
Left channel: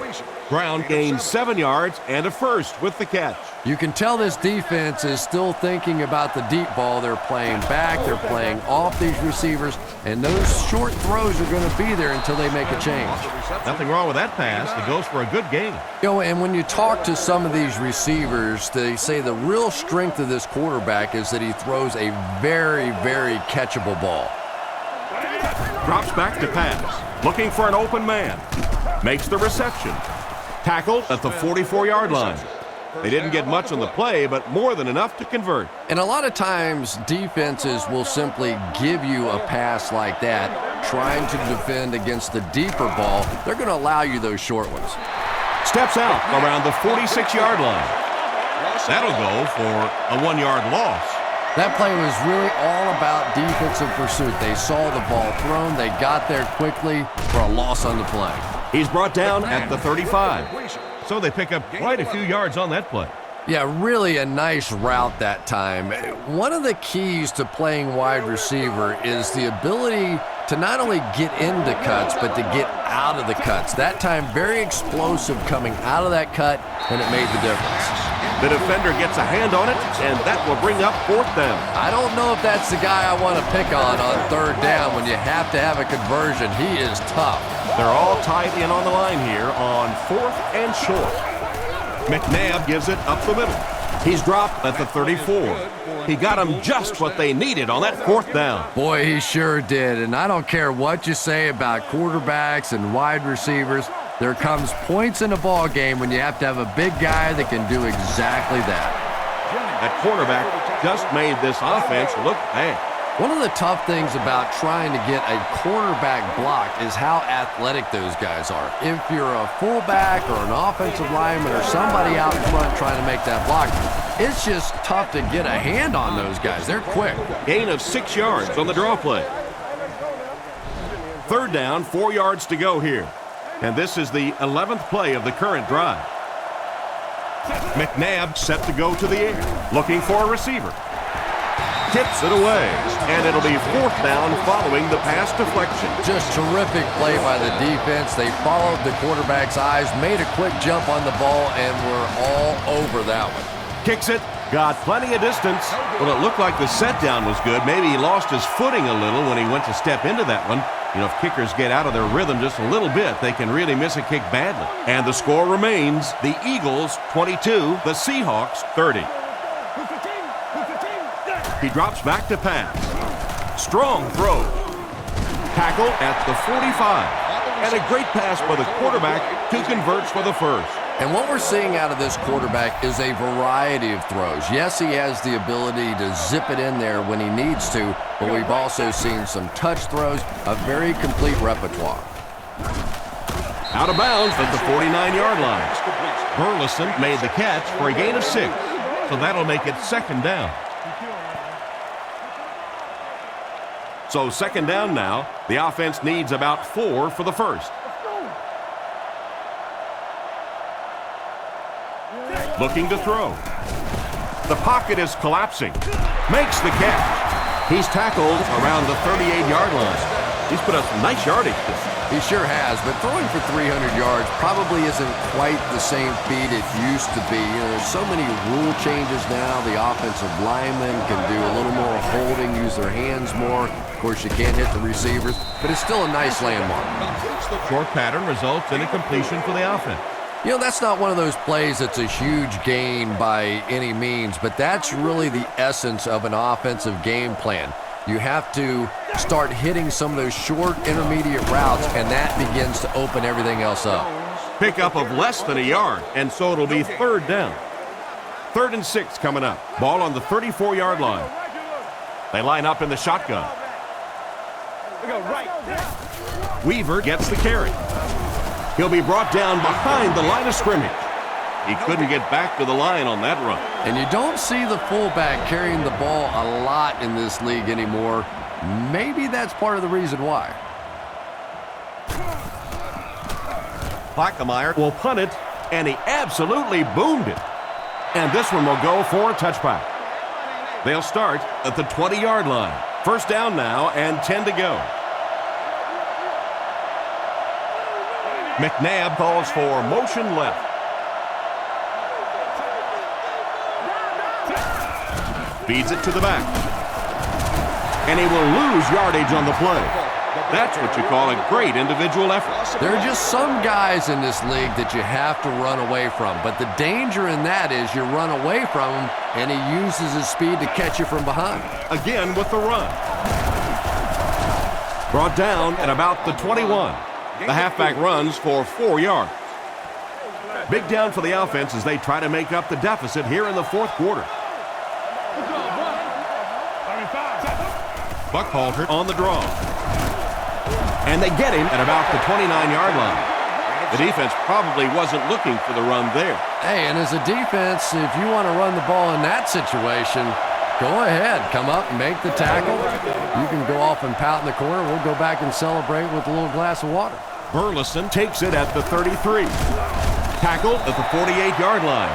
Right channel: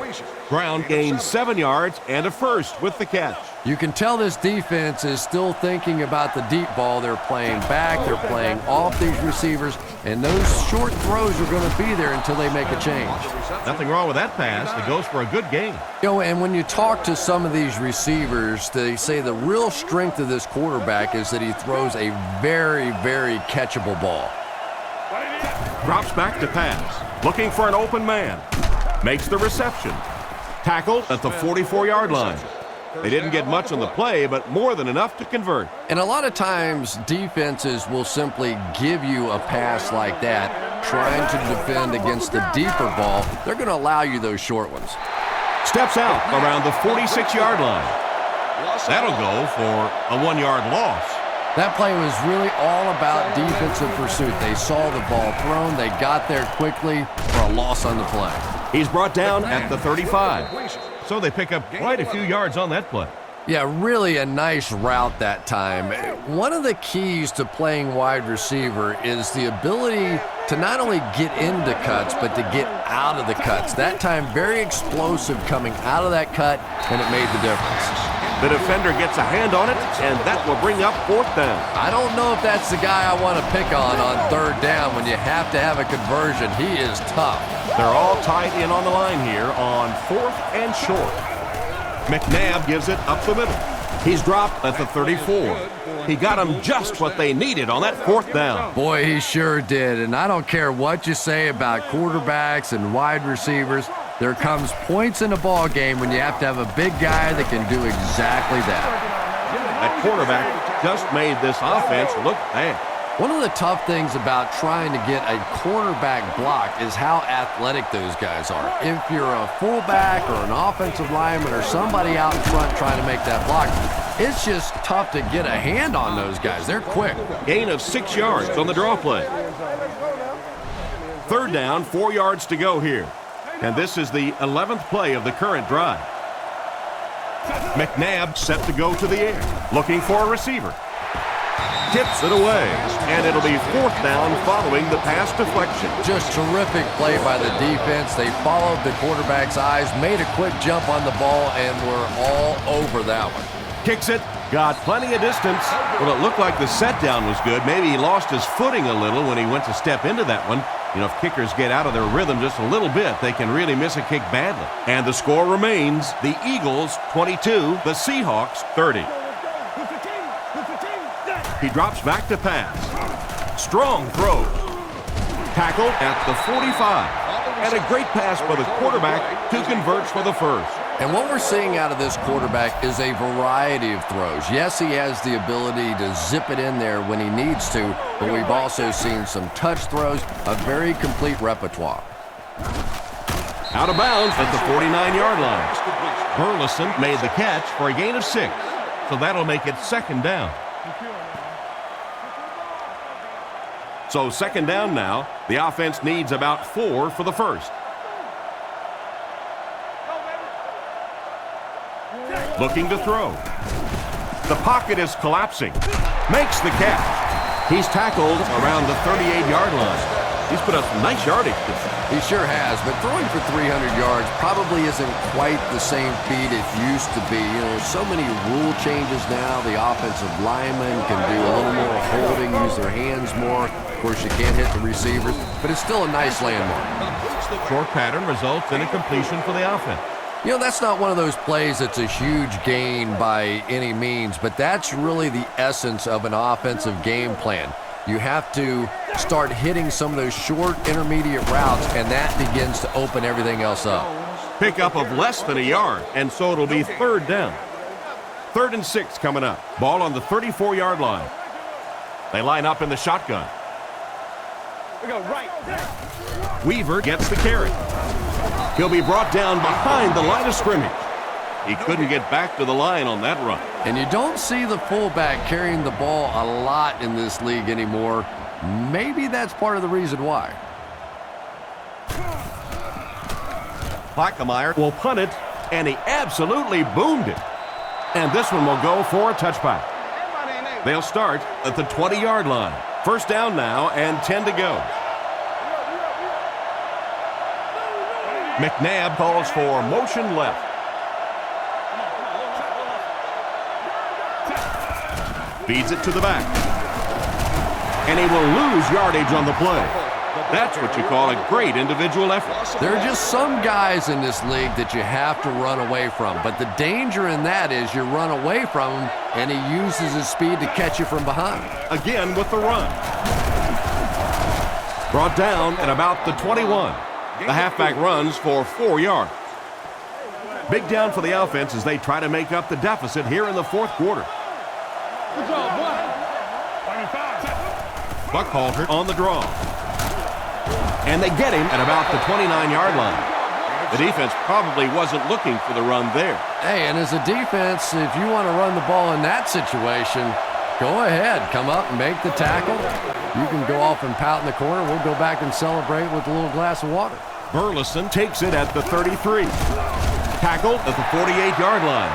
Brown gains 7 yards and a first with the catch. You can tell this defense is still thinking about the deep ball. They're playing back, they're playing off these receivers, and those short throws are going to be there until they make a change. Nothing wrong with that pass. It goes for a good gain. You know, and when you talk to some of these receivers, they say the real strength of this quarterback is that he throws a very, very catchable ball. Drops back to pass. Looking for an open man. Makes the reception. Tackled at the 44-yard line. They didn't get much on the play, but more than enough to convert. And a lot of times, defenses will simply give you a pass like that, trying to defend against the deeper ball. They're going to allow you those short ones. Steps out around the 46-yard line. That'll go for a 1-yard loss. That play was really all about defensive pursuit. They saw the ball thrown, they got there quickly for a loss on the play. He's brought down at the 35. So they pick up quite a few yards on that play. Yeah, really a nice route that time. One of the keys to playing wide receiver is the ability to not only get into cuts, but to get out of the cuts. That time, very explosive coming out of that cut, and it made the difference. The defender gets a hand on it, and that will bring up 4th down. I don't know if that's the guy I want to pick on 3rd down when you have to have a conversion. He is tough. They're all tied in on the line here on 4th and short. McNabb gives it up the middle. He's dropped at the 34. He got them just what they needed on that 4th down. Boy, he sure did. And I don't care what you say about quarterbacks and wide receivers. There comes points in a ball game when you have to have a big guy that can do exactly that. That quarterback just made this offense look bad. One of the tough things about trying to get a cornerback block is how athletic those guys are. If you're a fullback or an offensive lineman or somebody out in front trying to make that block, it's just tough to get a hand on those guys. They're quick. Gain of 6 yards on the draw play. 3rd down, 4 yards to go here. And this is the 11th play of the current drive. McNabb set to go to the air, looking for a receiver. Tips it away, and it'll be 4th down following the pass deflection. Just terrific play by the defense. They followed the quarterback's eyes, made a quick jump on the ball, and were all over that one. Kicks it, got plenty of distance. Well, it looked like the set down was good. Maybe he lost his footing a little when he went to step into that one. You know, if kickers get out of their rhythm just a little bit, they can really miss a kick badly. And the score remains the Eagles 22, the Seahawks 30. He drops back to pass. Strong throw. Tackled at the 45. And a great pass by the quarterback to convert for the first. And what we're seeing out of this quarterback is a variety of throws. Yes, he has the ability to zip it in there when he needs to, but we've also seen some touch throws, a very complete repertoire. Out of bounds at the 49-yard line. Burleson made the catch for a gain of 6, so that'll make it second down. So second down now. The offense needs about 4 for the first. Looking to throw. The pocket is collapsing. Makes the catch. He's tackled around the 38-yard line. He's put up some nice yardage. He sure has, but throwing for 300 yards probably isn't quite the same feat it used to be. You know, there's so many rule changes now. The offensive linemen can do a little more holding, use their hands more. Of course, you can't hit the receivers, but it's still a nice landmark. Short pattern results in a completion for the offense. You know, that's not one of those plays that's a huge gain by any means, but that's really the essence of an offensive game plan. You have to start hitting some of those short intermediate routes, and that begins to open everything else up. Pickup of less than a yard, and so it'll be third down. 3rd and 6 coming up. Ball on the 34-yard line. They line up in the shotgun. We go right. Weaver gets the carry. He'll be brought down behind the line of scrimmage. He couldn't get back to the line on that run. And you don't see the fullback carrying the ball a lot in this league anymore. Maybe that's part of the reason why. Plackemire will punt it, and he absolutely boomed it. And this one will go for a touchback. They'll start at the 20-yard line. First down now and 10 to go. McNabb calls for motion left. Feeds it to the back. And he will lose yardage on the play. That's what you call a great individual effort. There are just some guys in this league that you have to run away from. But the danger in that is you run away from him, and he uses his speed to catch you from behind. Again with the run. Brought down at about the 21. The halfback runs for 4 yards. Big down for the offense as they try to make up the deficit here in the fourth quarter. Buckhalter on the draw. And they get him at about the 29-yard line. The defense probably wasn't looking for the run there. Hey, and as a defense, if you want to run the ball in that situation, go ahead. Come up and make the tackle. You can go off and pout in the corner. We'll go back and celebrate with a little glass of water. Burleson takes it at the 33. Tackled at the 48-yard line.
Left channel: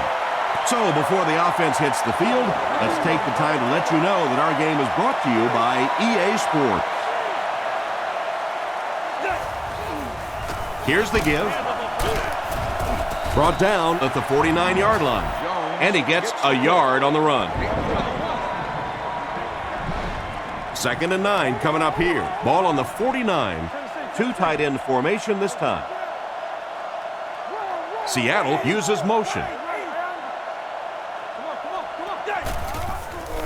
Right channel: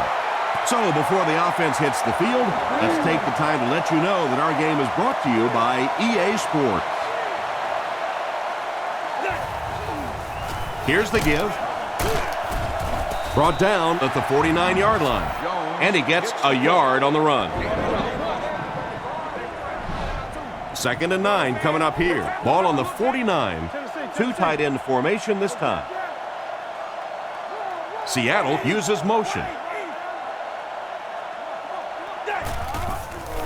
So before the offense hits the field, let's take the time to let you know that our game is brought to you by EA Sports. Here's the give. Brought down at the 49-yard line. And he gets a yard on the run. 2nd and 9 coming up here. Ball on the 49. 2 tight end formation this time. Seattle uses motion.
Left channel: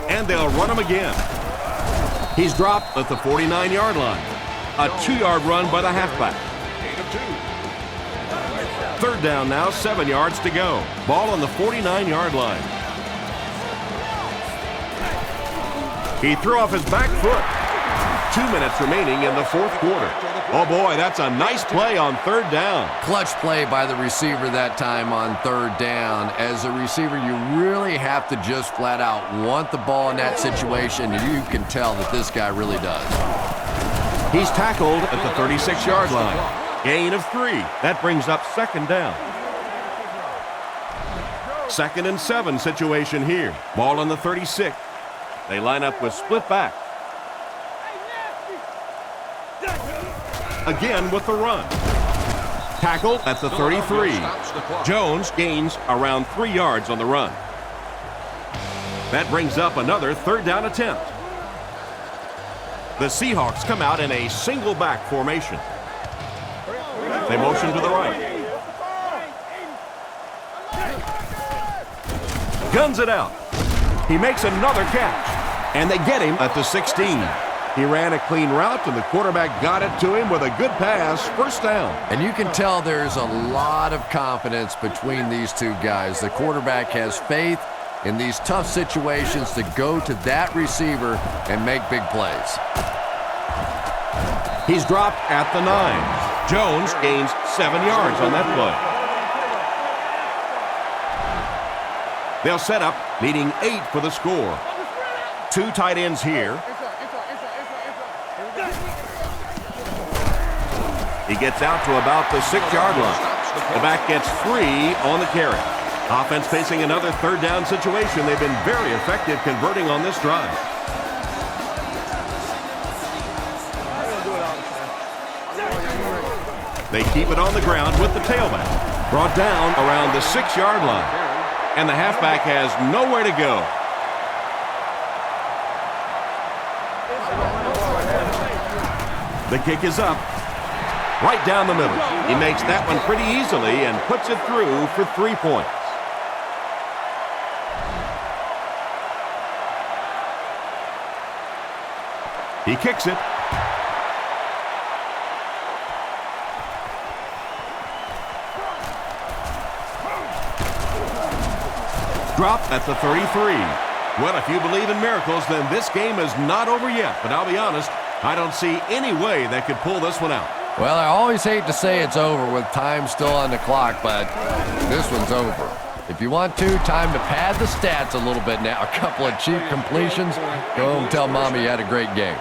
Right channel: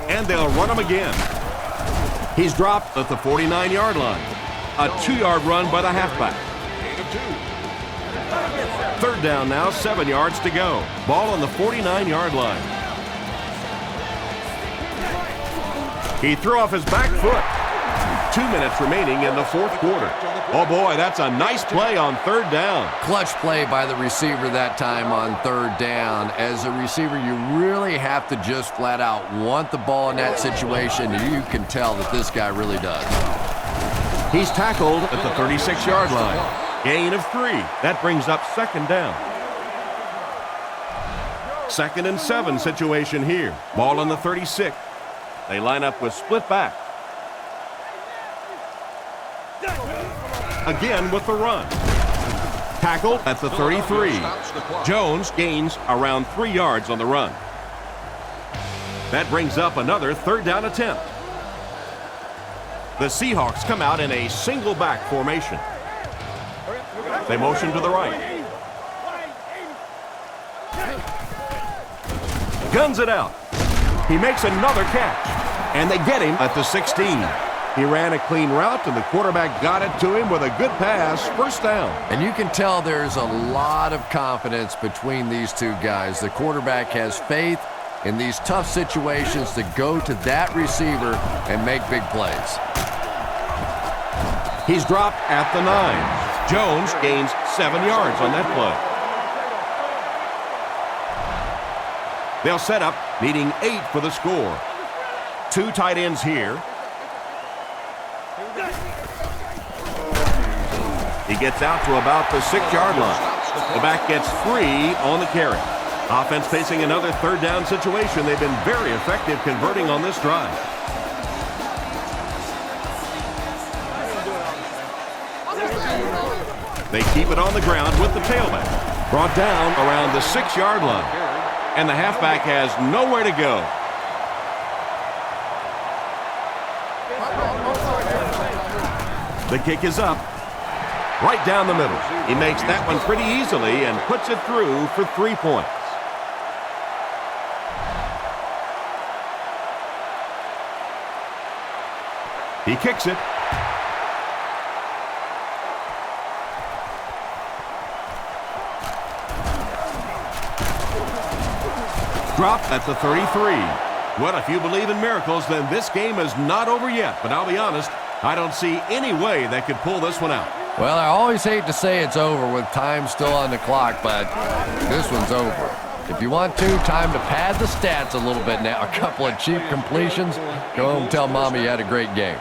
And they'll run him again. He's dropped at the 49-yard line. A 2-yard run by the halfback. 3rd down now, 7 yards to go. Ball on the 49-yard line. He threw off his back foot. 2 minutes remaining in the fourth quarter. Oh boy, that's a nice play on 3rd down. Clutch play by the receiver that time on 3rd down. As a receiver, you really have to just flat out want the ball in that situation. You can tell that this guy really does. He's tackled at the 36-yard line. Gain of 3. That brings up 2nd down. 2nd and 7 situation here. Ball on the 36. They line up with split backs. Again with the run. Tackle at the 33. Jones gains around 3 yards on the run. That brings up another third down attempt. The Seahawks come out in a single back formation. They motion to the right. Guns it out. He makes another catch, and they get him at the 16. He ran a clean route, and the quarterback got it to him with a good pass, first down. And you can tell there's a lot of confidence between these two guys. The quarterback has faith in these tough situations to go to that receiver and make big plays. He's dropped at the 9. Jones gains 7 yards on that play. They'll set up, needing 8 for the score. 2 tight ends here. He gets out to about the 6-yard line. The back gets 3 on the carry. Offense facing another third down situation. They've been very effective converting on this drive. They keep it on the ground with the tailback. Brought down around the 6-yard line. And the halfback has nowhere to go. The kick is up. Right down the middle. He makes that one pretty easily and puts it through for 3 points. He kicks it. Dropped at the 33. Well, if you believe in miracles, then this game is not over yet. But I'll be honest, I don't see any way they could pull this one out. Well, I always hate to say it's over with time still on the clock, but this one's over. If you want time to pad the stats a little bit now. A couple of cheap completions. Go home and tell Mommy you had a great game.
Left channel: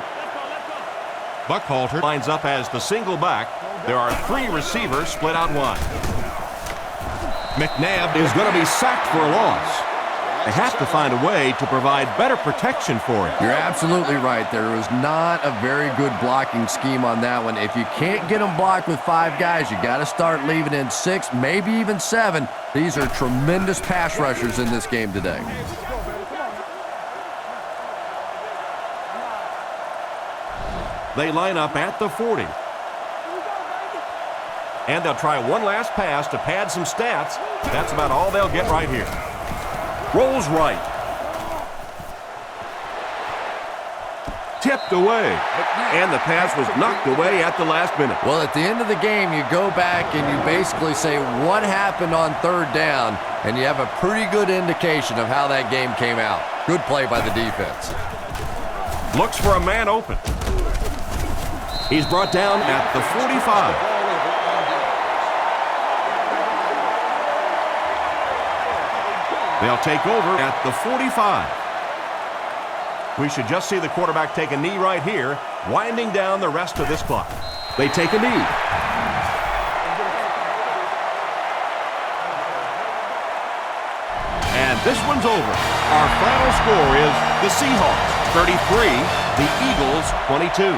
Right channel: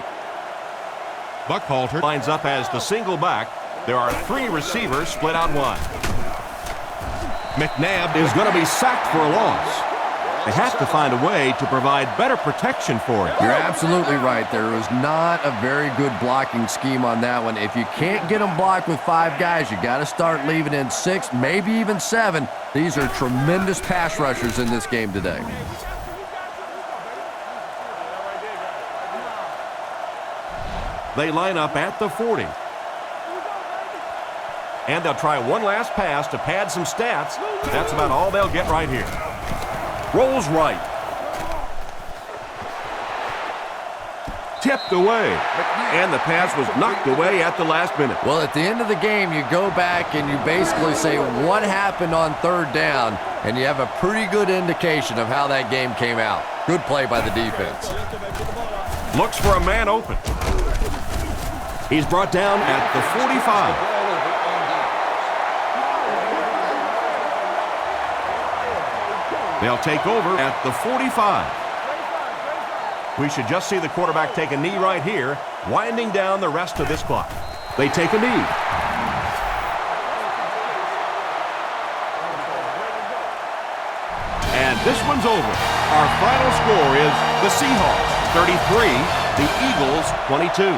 Buckhalter lines up as the single back. There are 3 receivers split out wide. McNabb is going to be sacked for a loss. They have to find a way to provide better protection for him. You're absolutely right. There was not a very good blocking scheme on that one. If you can't get them blocked with 5 guys, you got to start leaving in 6, maybe even 7. These are tremendous pass rushers in this game today. They line up at the 40. And they'll try one last pass to pad some stats. That's about all they'll get right here. Rolls right. Tipped away. And the pass was knocked away at the last minute. Well, at the end of the game, you go back and you basically say what happened on third down, and you have a pretty good indication of how that game came out. Good play by the defense. Looks for a man open. He's brought down at the 45. They'll take over at the 45. We should just see the quarterback take a knee right here, winding down the rest of this clock. They take a knee. And this one's over. Our final score is the Seahawks 33, the Eagles 22.